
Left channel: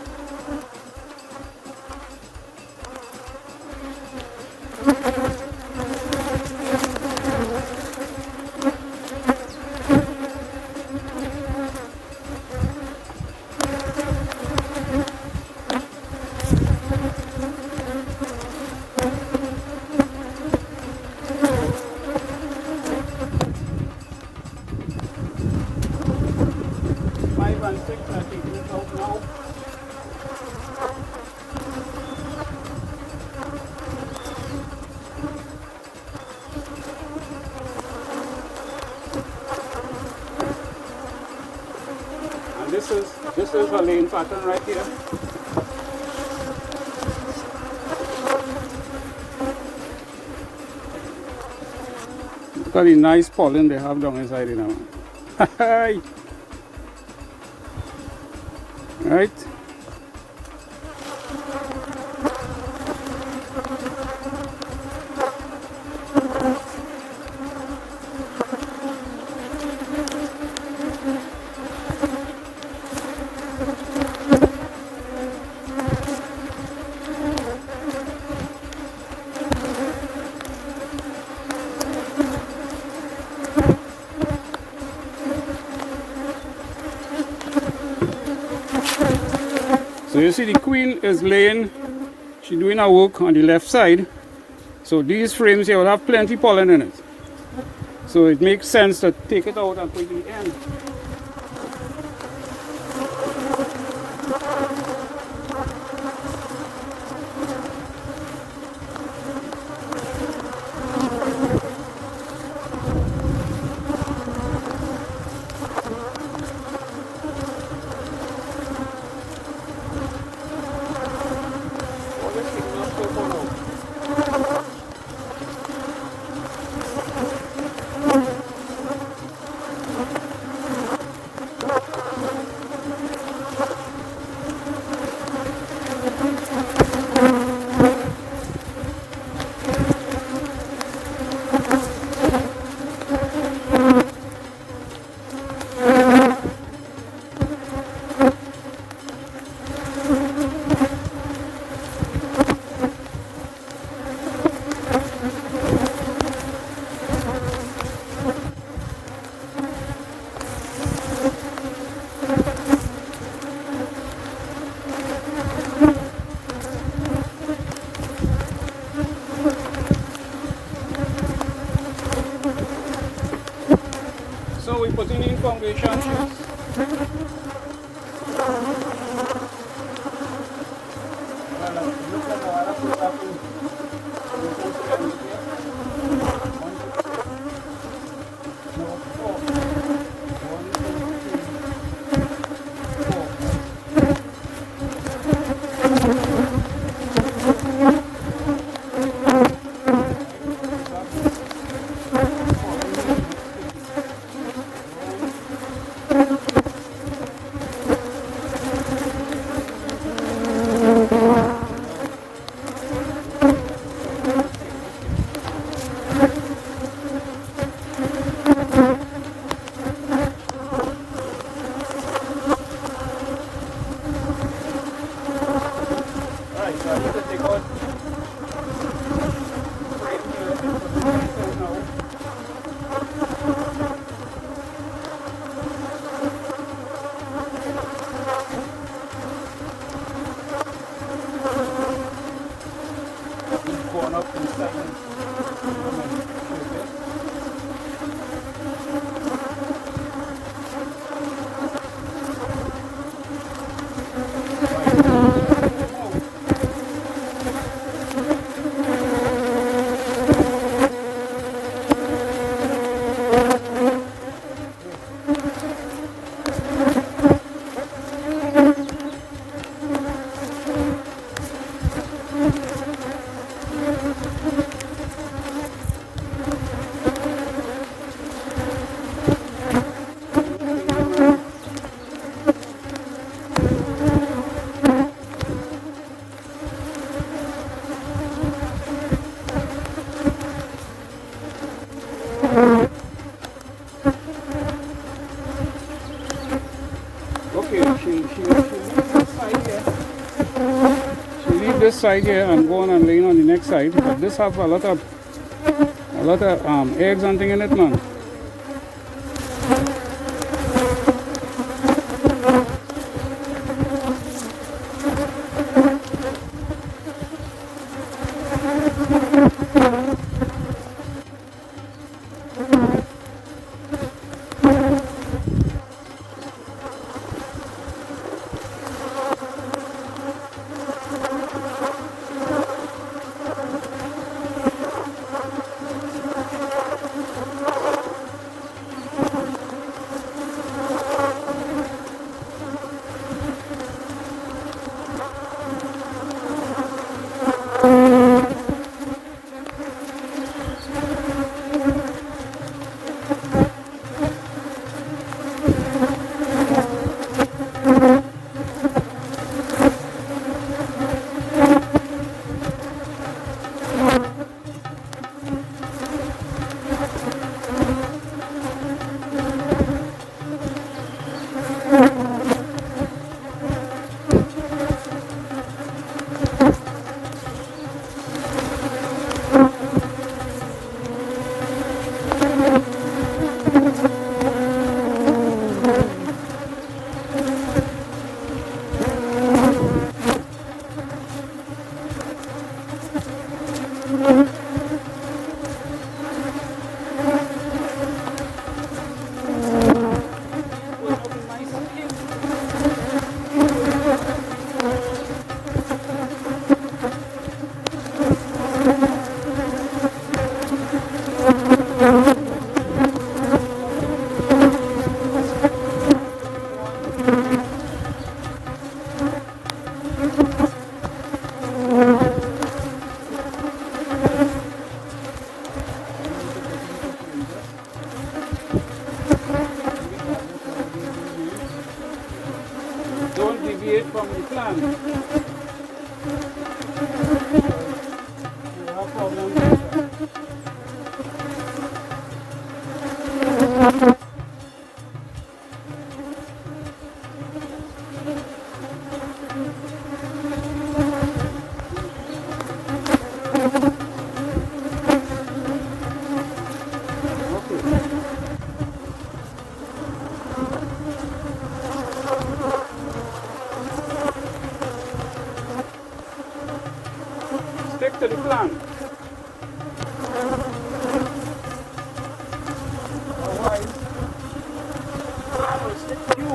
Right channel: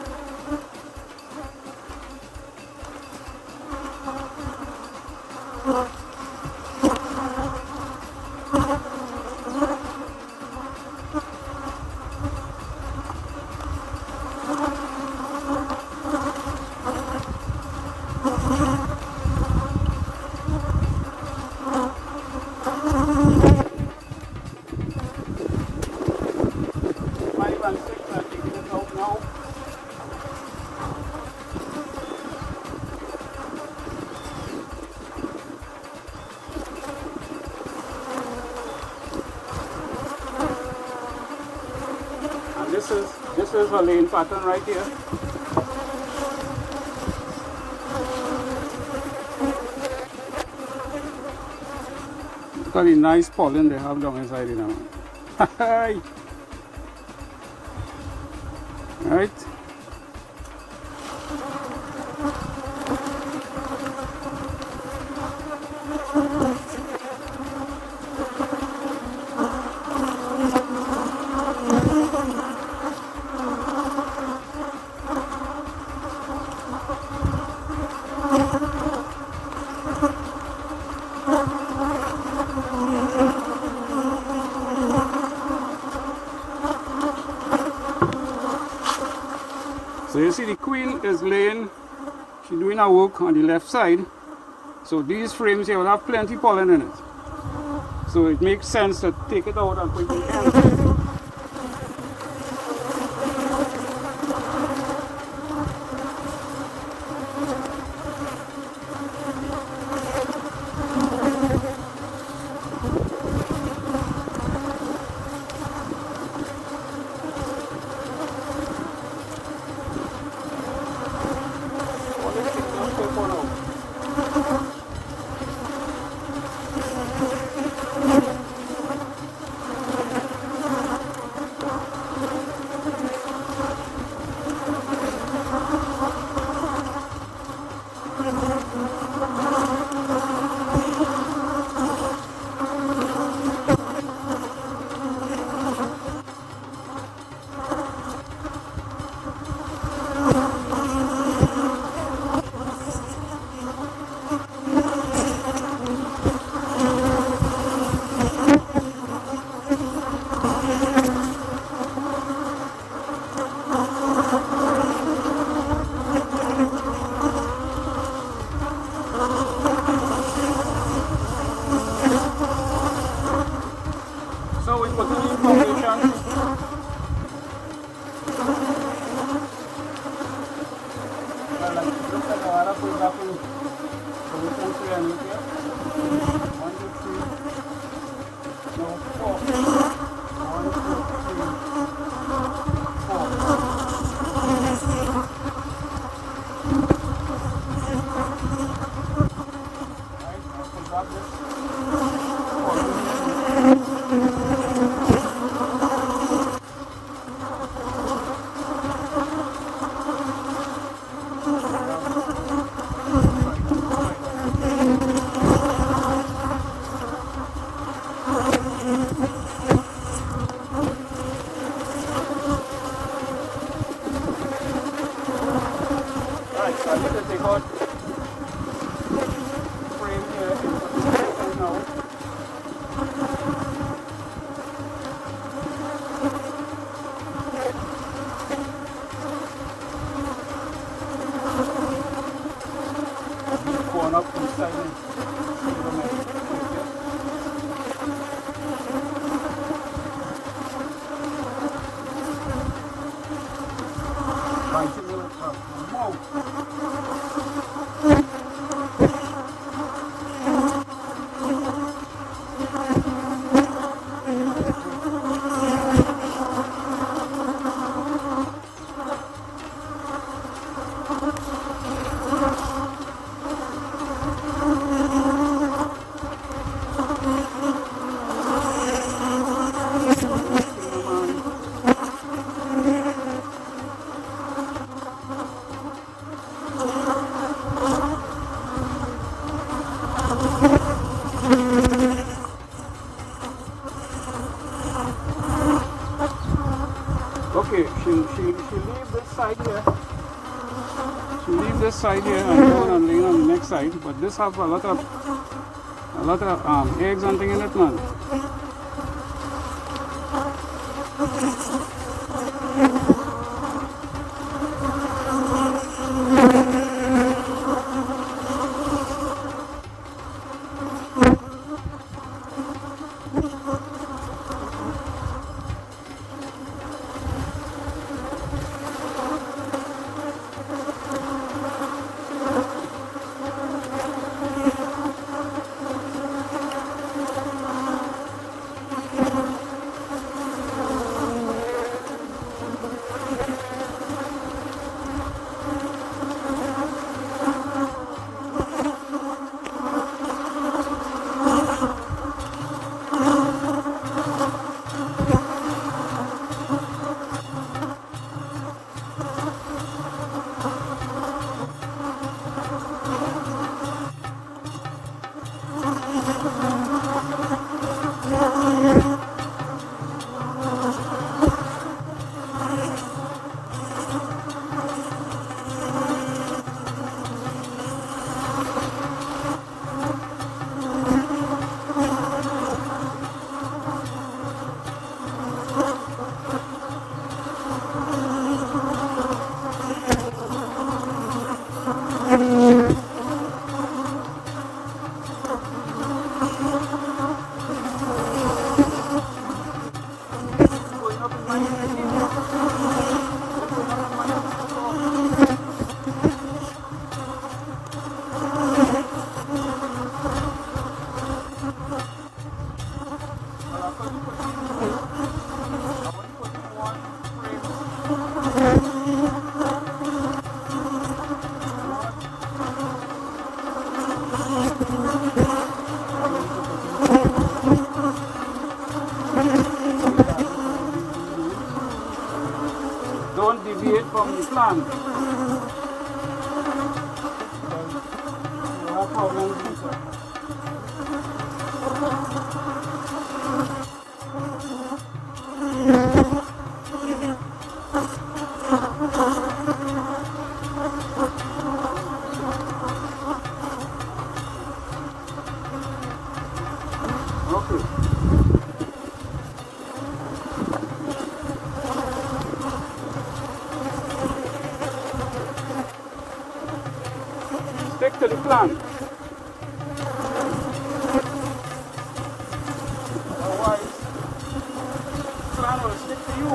This is a lane pattern right here. Look at the nice pollen they have down inside, you know. Right? So you see the queen is laying, she's doing her work on the left side. So these frames here will have plenty pollen in it. So it makes sense to take it out and put it in the end. So we put in information. So I need to take out frame here and put it right now. Corn up inside. Okay, she leaves this side here. She leaves this side here and go on and lay on the next side. But this have a lot of eggs and thing in it, man. Don't deviate from the plan. You have problems with that. Stick to the plan. Otherwise, the plan will stick to you.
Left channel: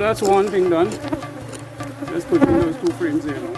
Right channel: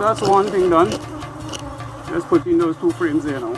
that's one thing done. Let's put in those two frames there now.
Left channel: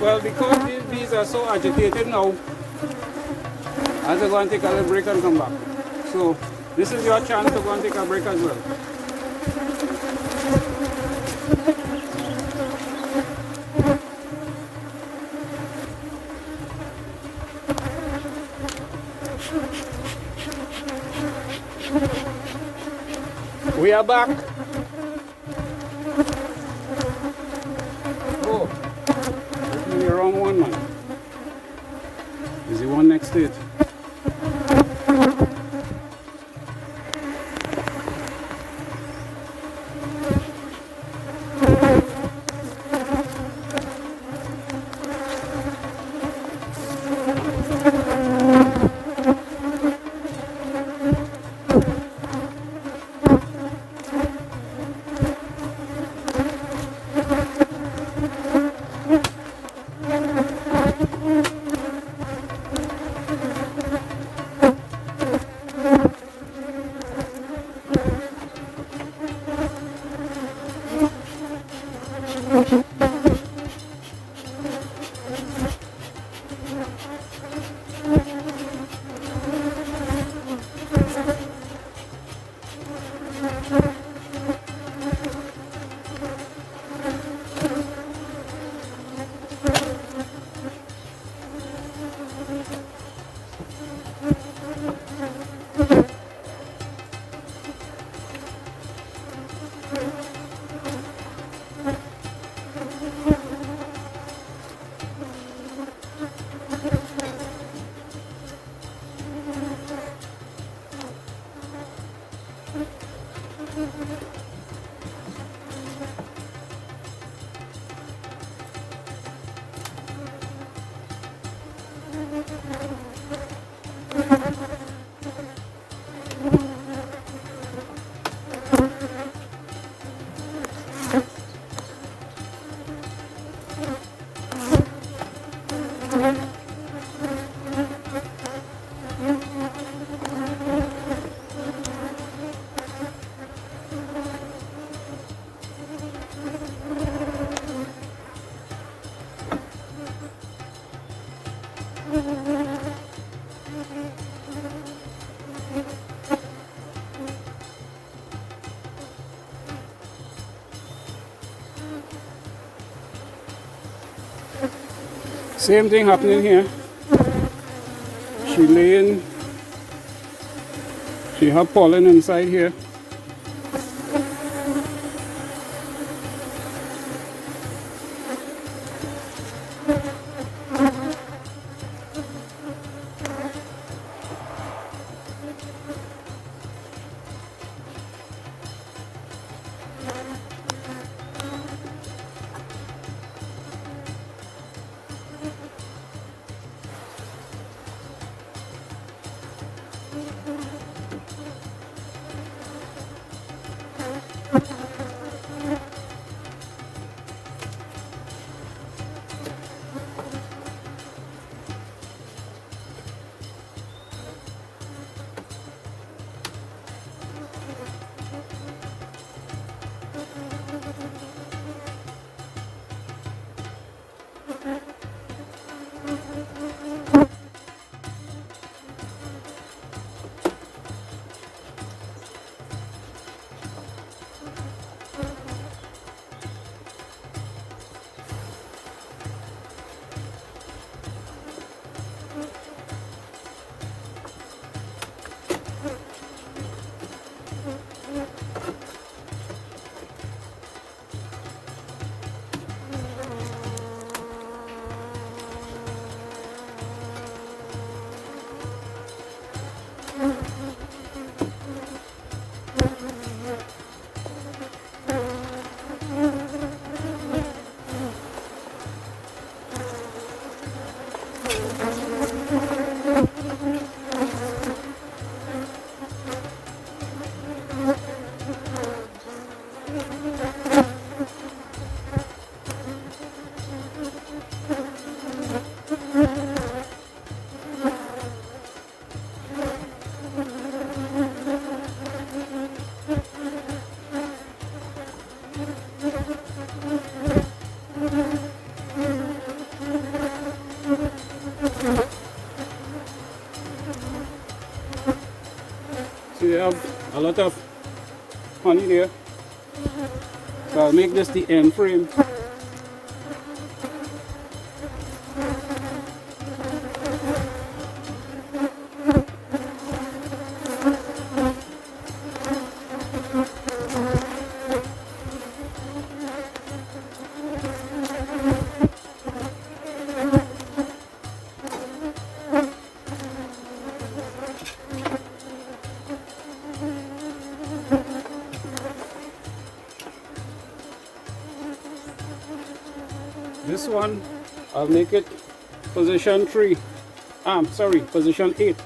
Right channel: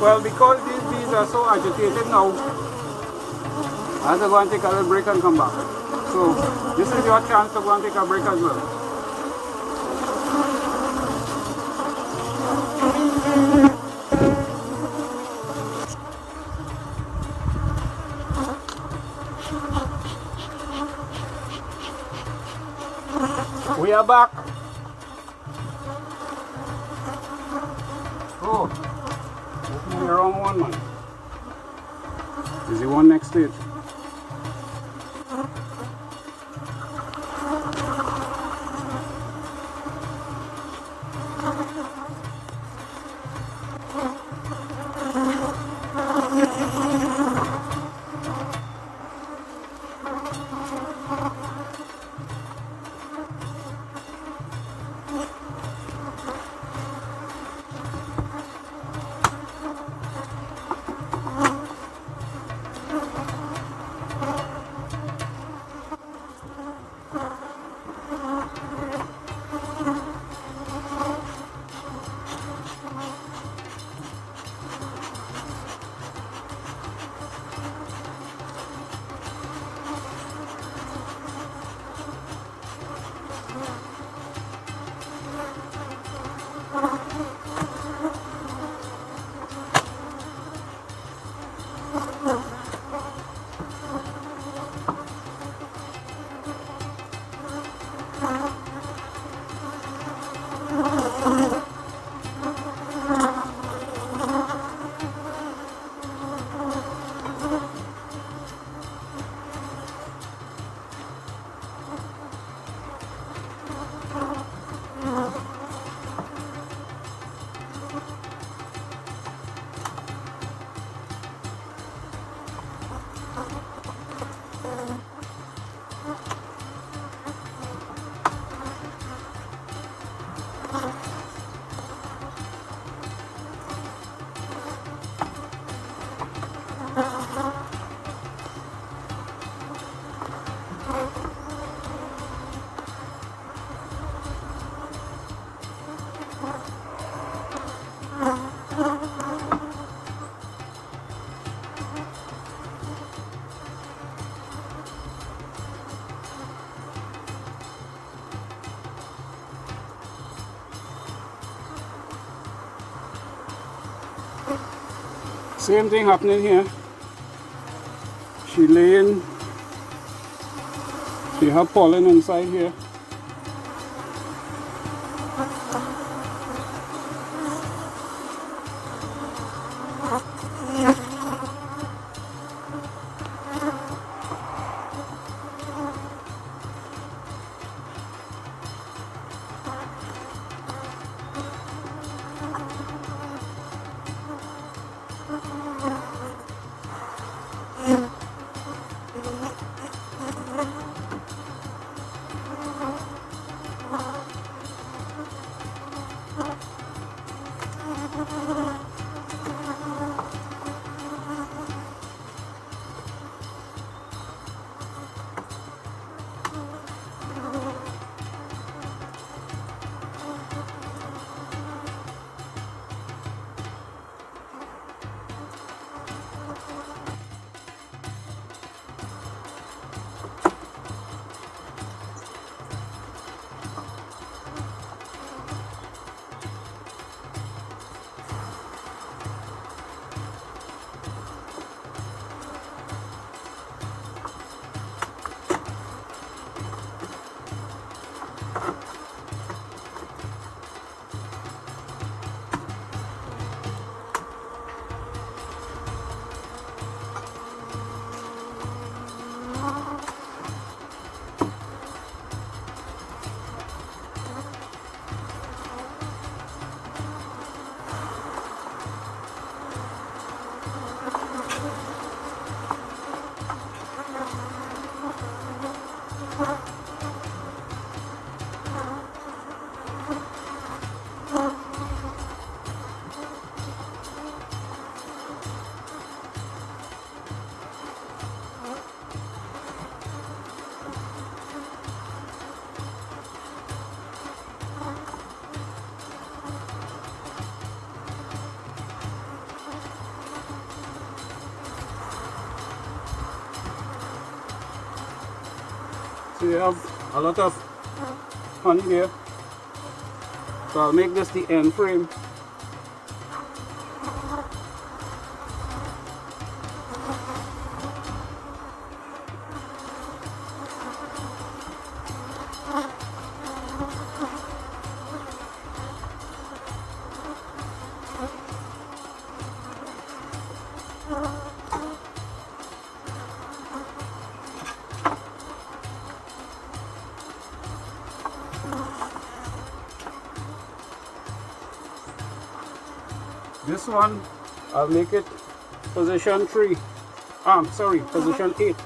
Well, because these bees are so agitated now, I have to go and take a little break and come back. So this is your chance to go and take a break as well. We are back. Oh, open the wrong one, man. Is the one next to it? Same thing happening here. She have pollen inside here. they have a lot of honey there. So I'll make this the end frame. This one, I'll make it position 3. Sorry, position 8.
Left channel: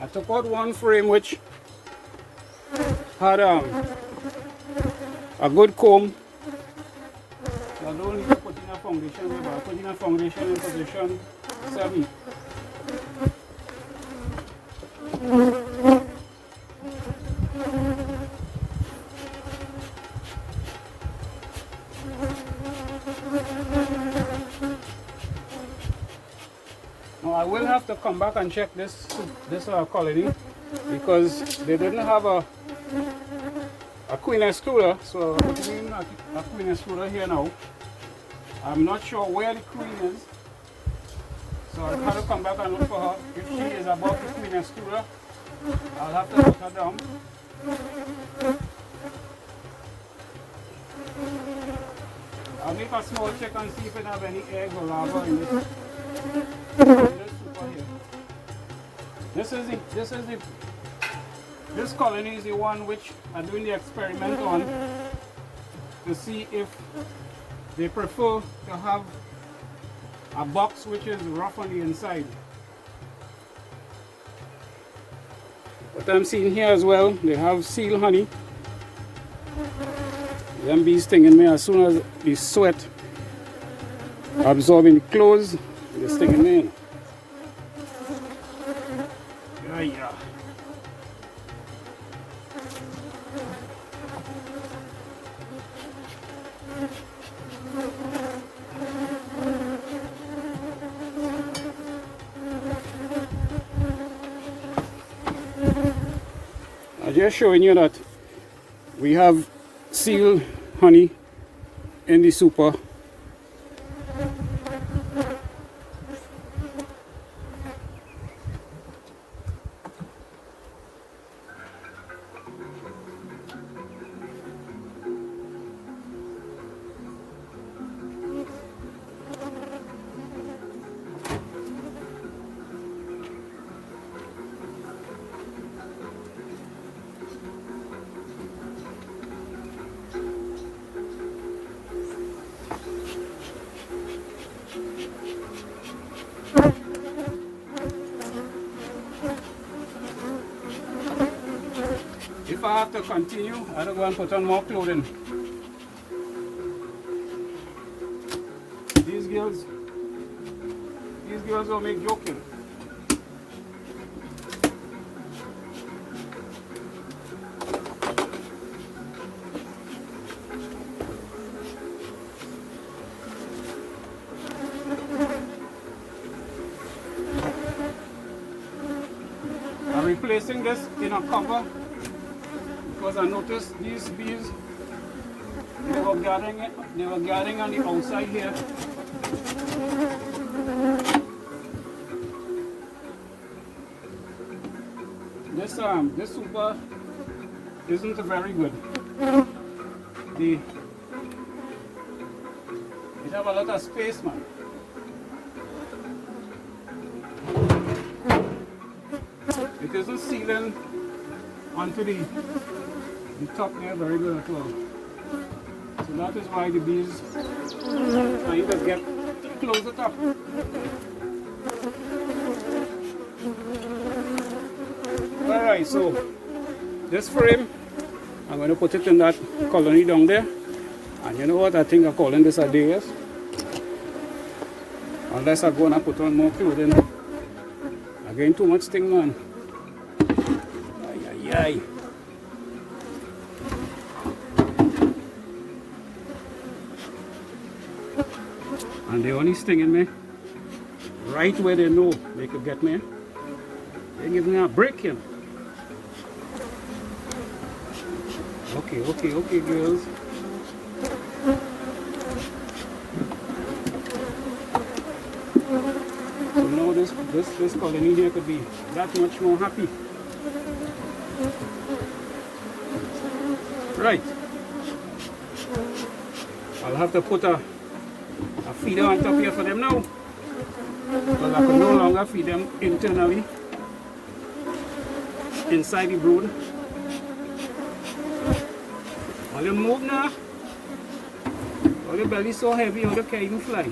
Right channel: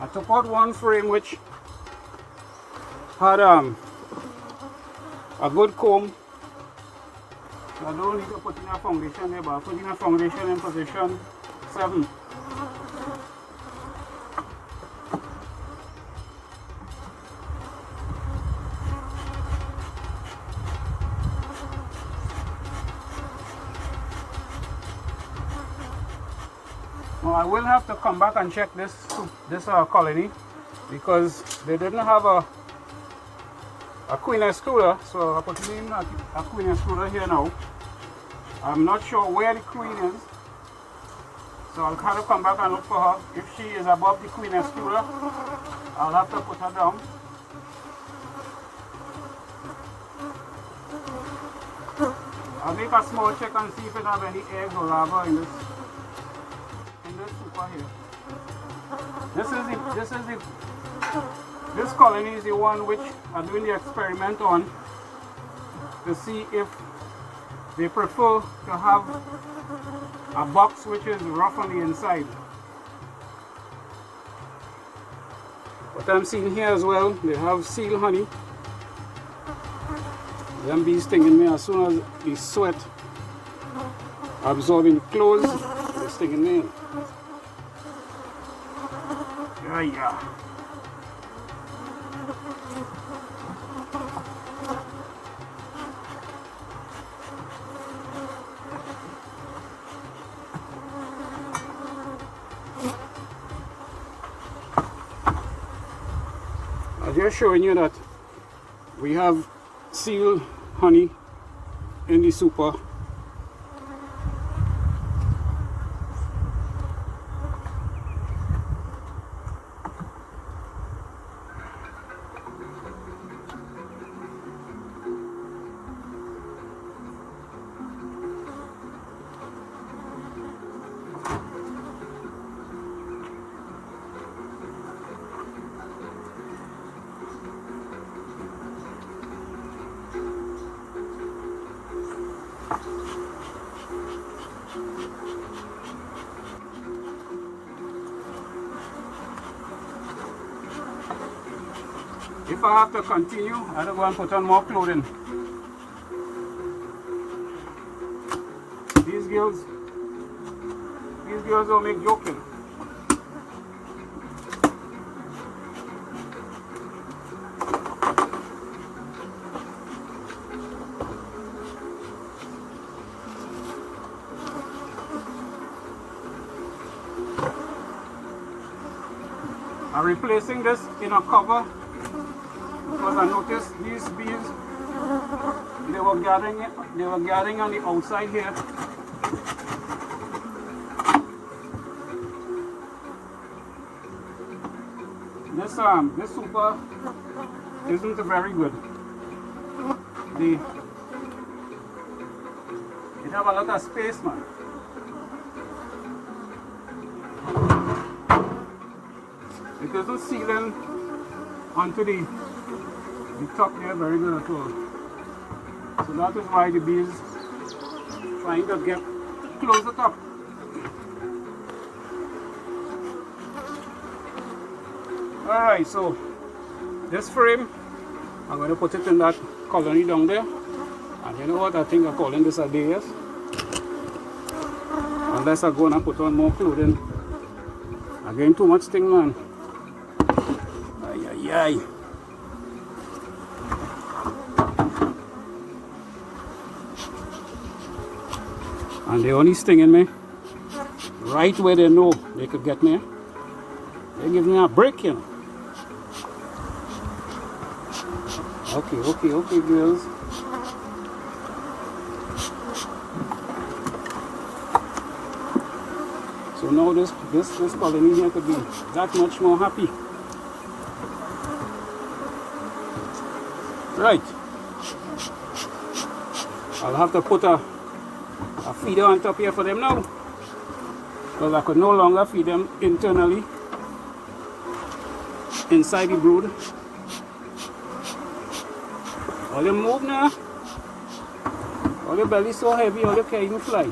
I took out one frame which had a good comb. I don't need to put in a foundation here, but I'll put in a foundation in position 7. Now I will have to come back and check this colony because they didn't have a queen excluder, so I'm putting in a queen excluder here now. I'm not sure where the queen is, so I'll have to come back and look for her. If she is above the queen excluder, I'll have to put her down. I'll make a small check and see if it has any eggs or larvae in this super here. This colony is the one which I'm doing the experiment on to see if they prefer to have a box which is rough on the inside. What I'm seeing here as well, they have seal honey. Them bees stinging me as soon as the sweat absorbing the clothes, they're stinging me. Yeah. I'm just showing you that we have seal honey in the super. If I have to continue, I'll go and put on more clothing. These girls don't make joking. I'm replacing this in a cover because I noticed these bees, they were gathering on the outside here. This super isn't very good. It have a lot of space, man. It isn't sealing onto the top there very good at all. So that is why the bees trying to get close the top. Alright, so this frame, I'm going to put it in that colony down there. And you know what, I think I'm calling this a day, yes? Unless I'm going to put on more clothing. I'm getting too much thing, man. die. And they're only stinging me right where they know they could get me. They give me a break here. Okay, girls. So now this colony here could be that much more happy. Right. I'll have to put a feeder on top here for them now, because I could no longer feed them internally inside the brood. All them move now. All the belly so heavy, all they can't even fly.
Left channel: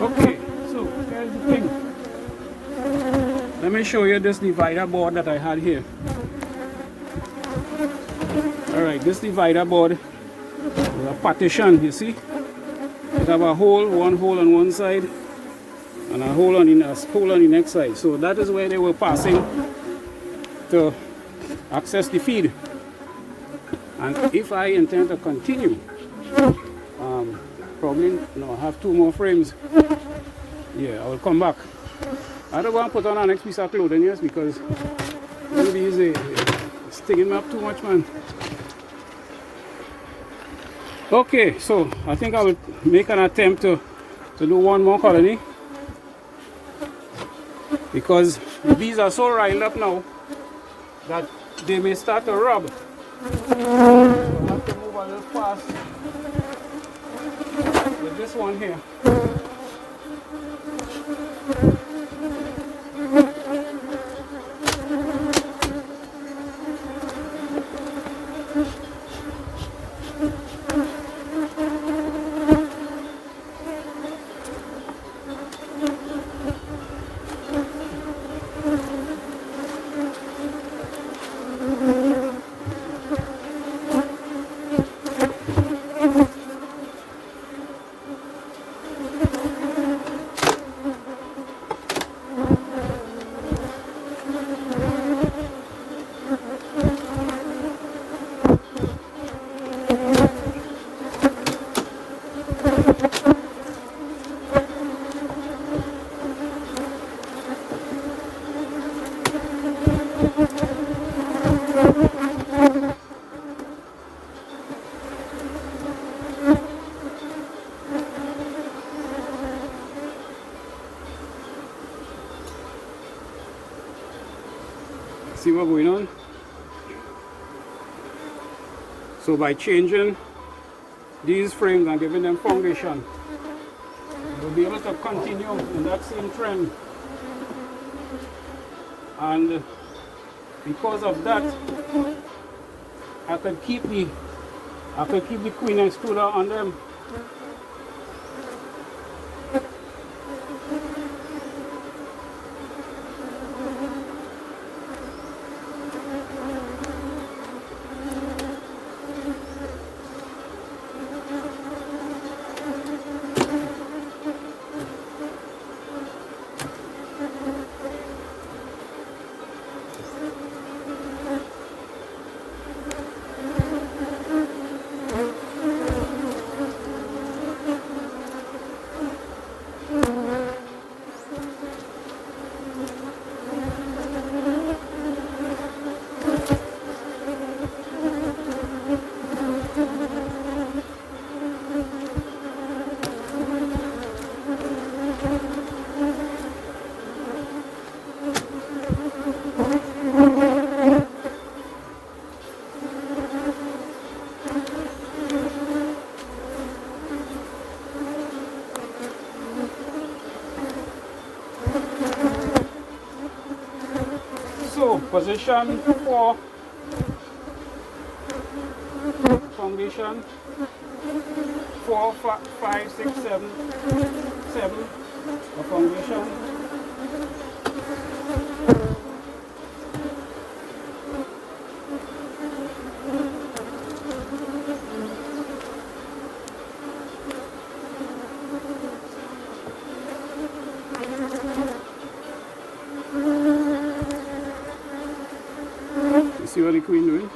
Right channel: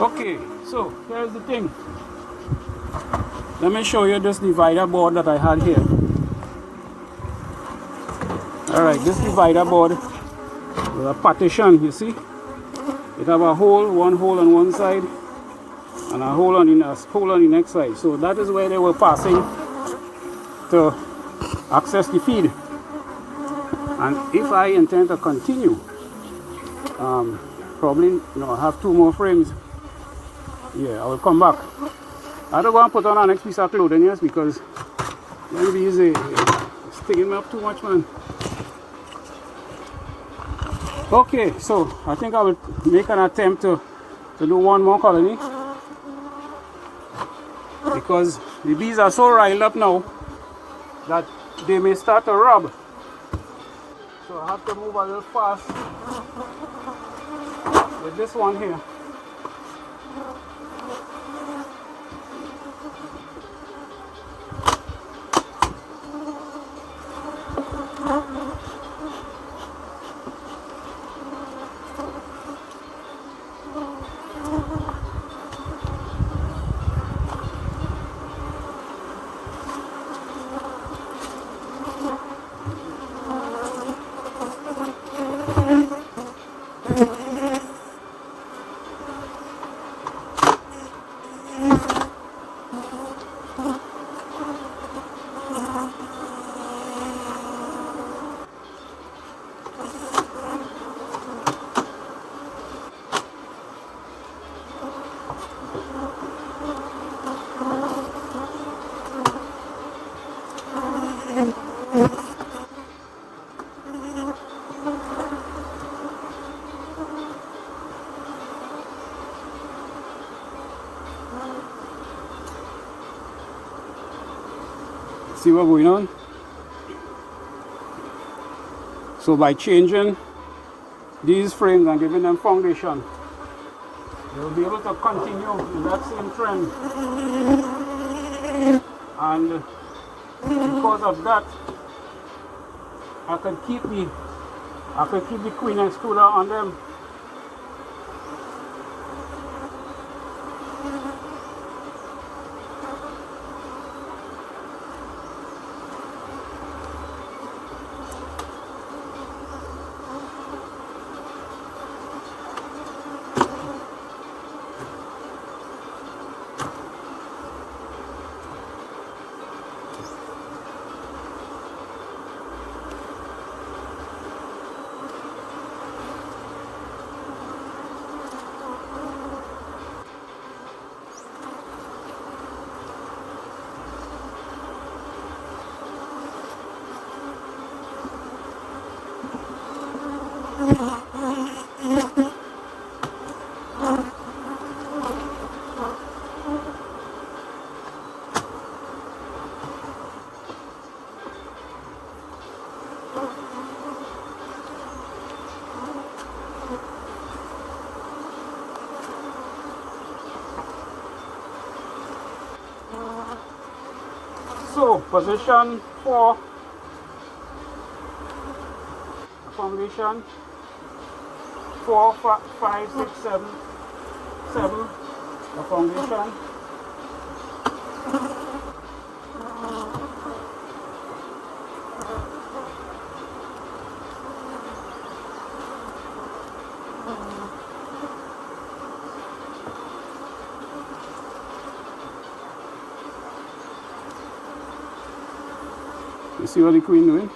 Okay, so here's the thing. Let me show you this divider board that I had here. Alright, this divider board is a partition, you see? It have a hole, one hole on one side and a hole on the next side. So that is where they were passing to access the feed. And if I intend to continue, probably I have 2 more frames. Yeah, I will come back. I don't go and put on our next piece of clothing, yes, because it'll be easy. It's taking me up too much, man. Okay, so I think I will make an attempt to do 1 more colony, because the bees are so riled up now that they may start to rub. So I have to move a little fast with this one here. See what's going on? So by changing these frames and giving them foundation, you'll be able to continue in that same trend. And because of that, I could keep the queen and stooler on them. So position 4, foundation 4, 5, 6, 7, 7, a foundation. see what the queen doing?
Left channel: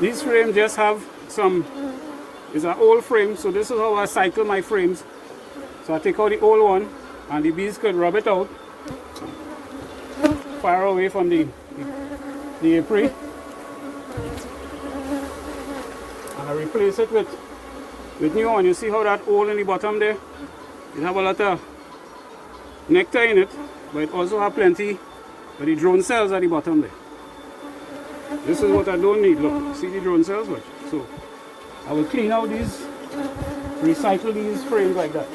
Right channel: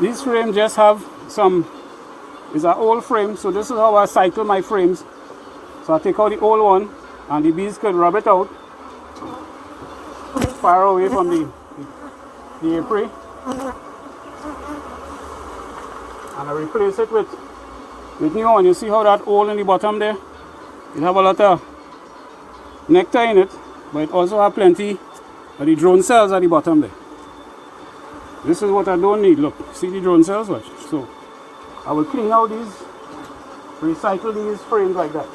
These frames just have some, it's an old frame, so this is how I cycle my frames. So I take out the old one and the bees could rub it out far away from the apiary. And I replace it with new one. You see how that hole in the bottom there? It have a lot of nectar in it, but it also have plenty of the drone cells at the bottom there. This is what I don't need. Look, see the drone cells? Watch. So I will clean out these, recycle these frames like that.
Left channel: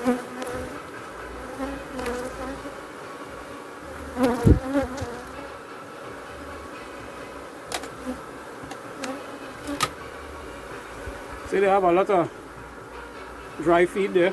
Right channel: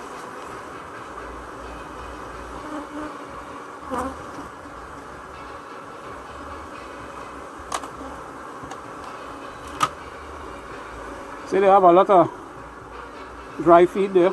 See, they have a lot of dry feed there.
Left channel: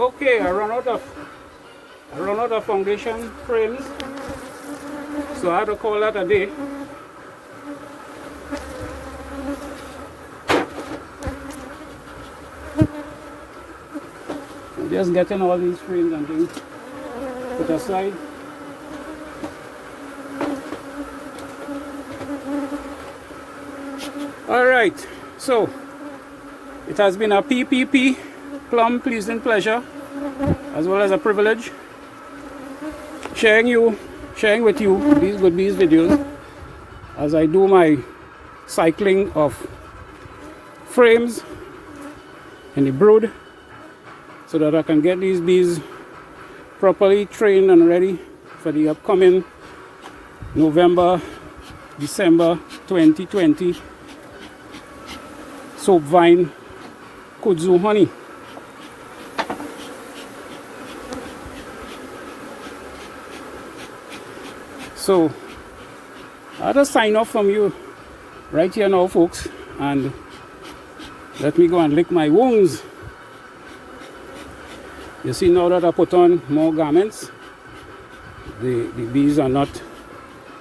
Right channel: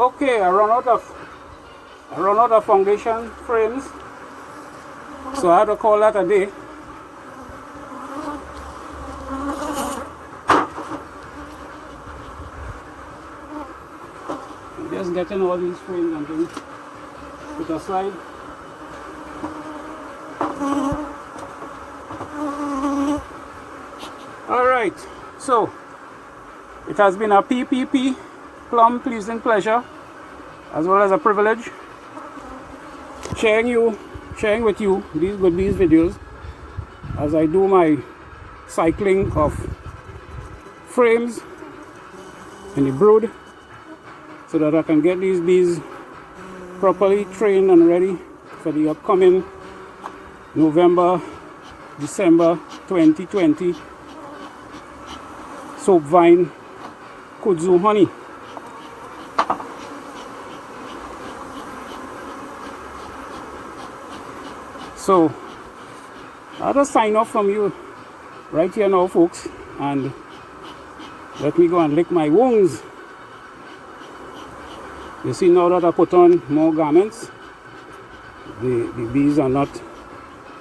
Okay, I run out of foundation frames, so I had to call that a day. I'm just getting all these frames and things put aside. Alright, so it has been a PPP, plum pleasing pleasure, as well as a privilege, sharing with you these videos as I do my cycling of frames in the brood, so that I can get these bees properly trained and ready for the upcoming November, December 2020 soap vine kudzu honey. So I had to sign off from you right here now, folks, and let me go and lick my wounds. You see, now that I put on more garments, the bees are not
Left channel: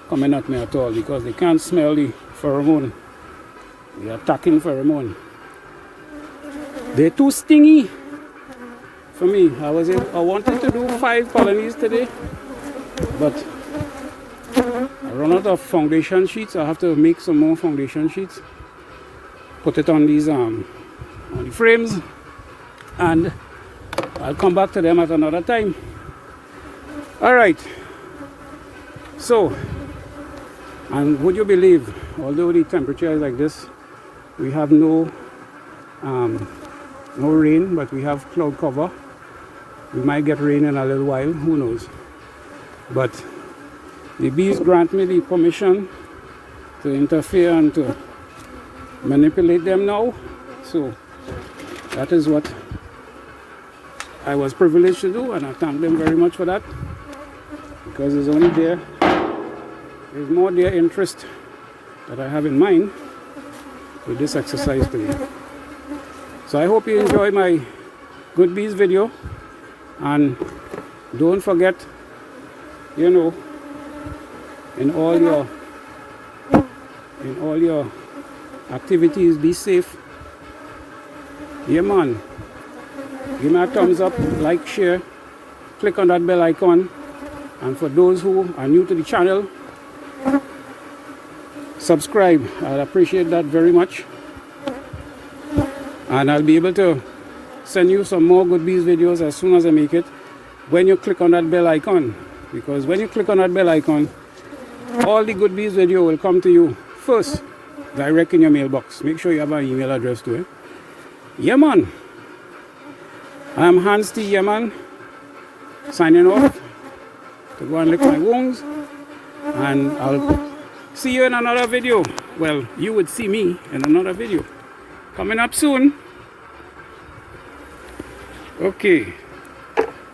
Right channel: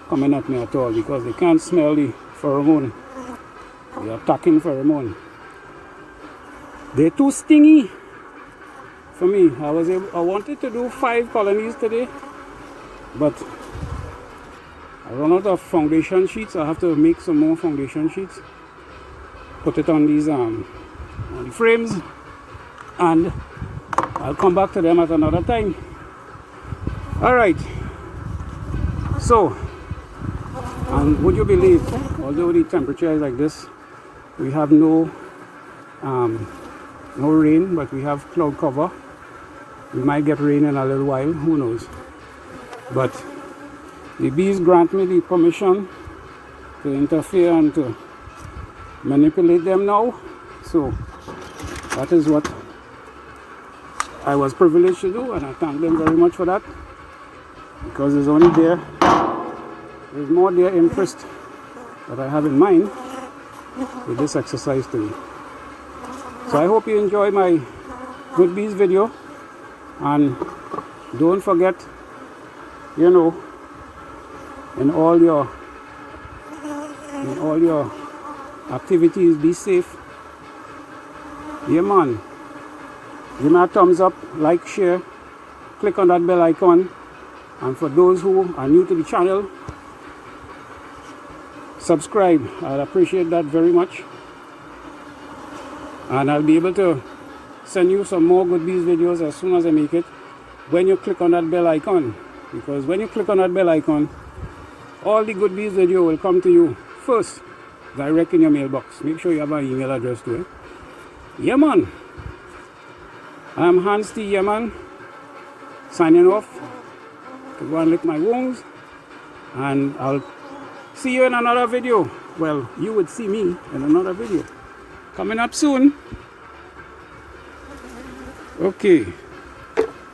coming at me at all because they can't smell the pheromone, the attacking pheromone. They're too stingy for me. I wanted to do 5 colonies today, but I run out of foundation sheets. I have to make some more foundation sheets, put it on these on the frames, and I'll come back to them at another time. Alright, so, and would you believe, although the temperature is like this, we have no rain, but we have cloud cover. We might get rain in a little while, who knows. But the bees grant me the permission to interfere and to manipulate them now. So that is what I was privileged to do, and I thank them very much for that, because there's more their interest that I have in mind with this exercise today. So I hope you enjoy my Good Bees video, and don't forget, you know, in all your activities, be safe. Yeah, man. Give me a thumbs up, like, share, click on that bell icon, and for those who are new to the channel, subscribe. I'd appreciate that very much, and I'll be able to send you some more Good Bees videos as soon as I make it, when you click on that bell icon. Because when you click on that bell icon, all the Good Bees video will come to you first, direct in your mailbox. Make sure you have an email address to it. Yeah, man. I am Hans T. Yeman, signing off to go and lick my wounds, and I'll see you in another video. Well, you would see me in another video coming up soon. Okay,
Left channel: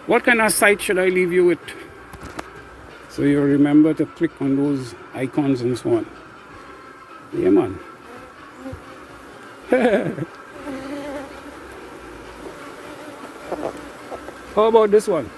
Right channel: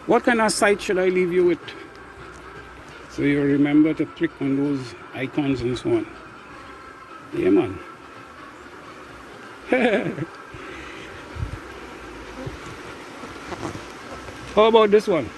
what kind of site should I leave you with, so you remember to click on those icons and so on? Yeah, man. How about this one?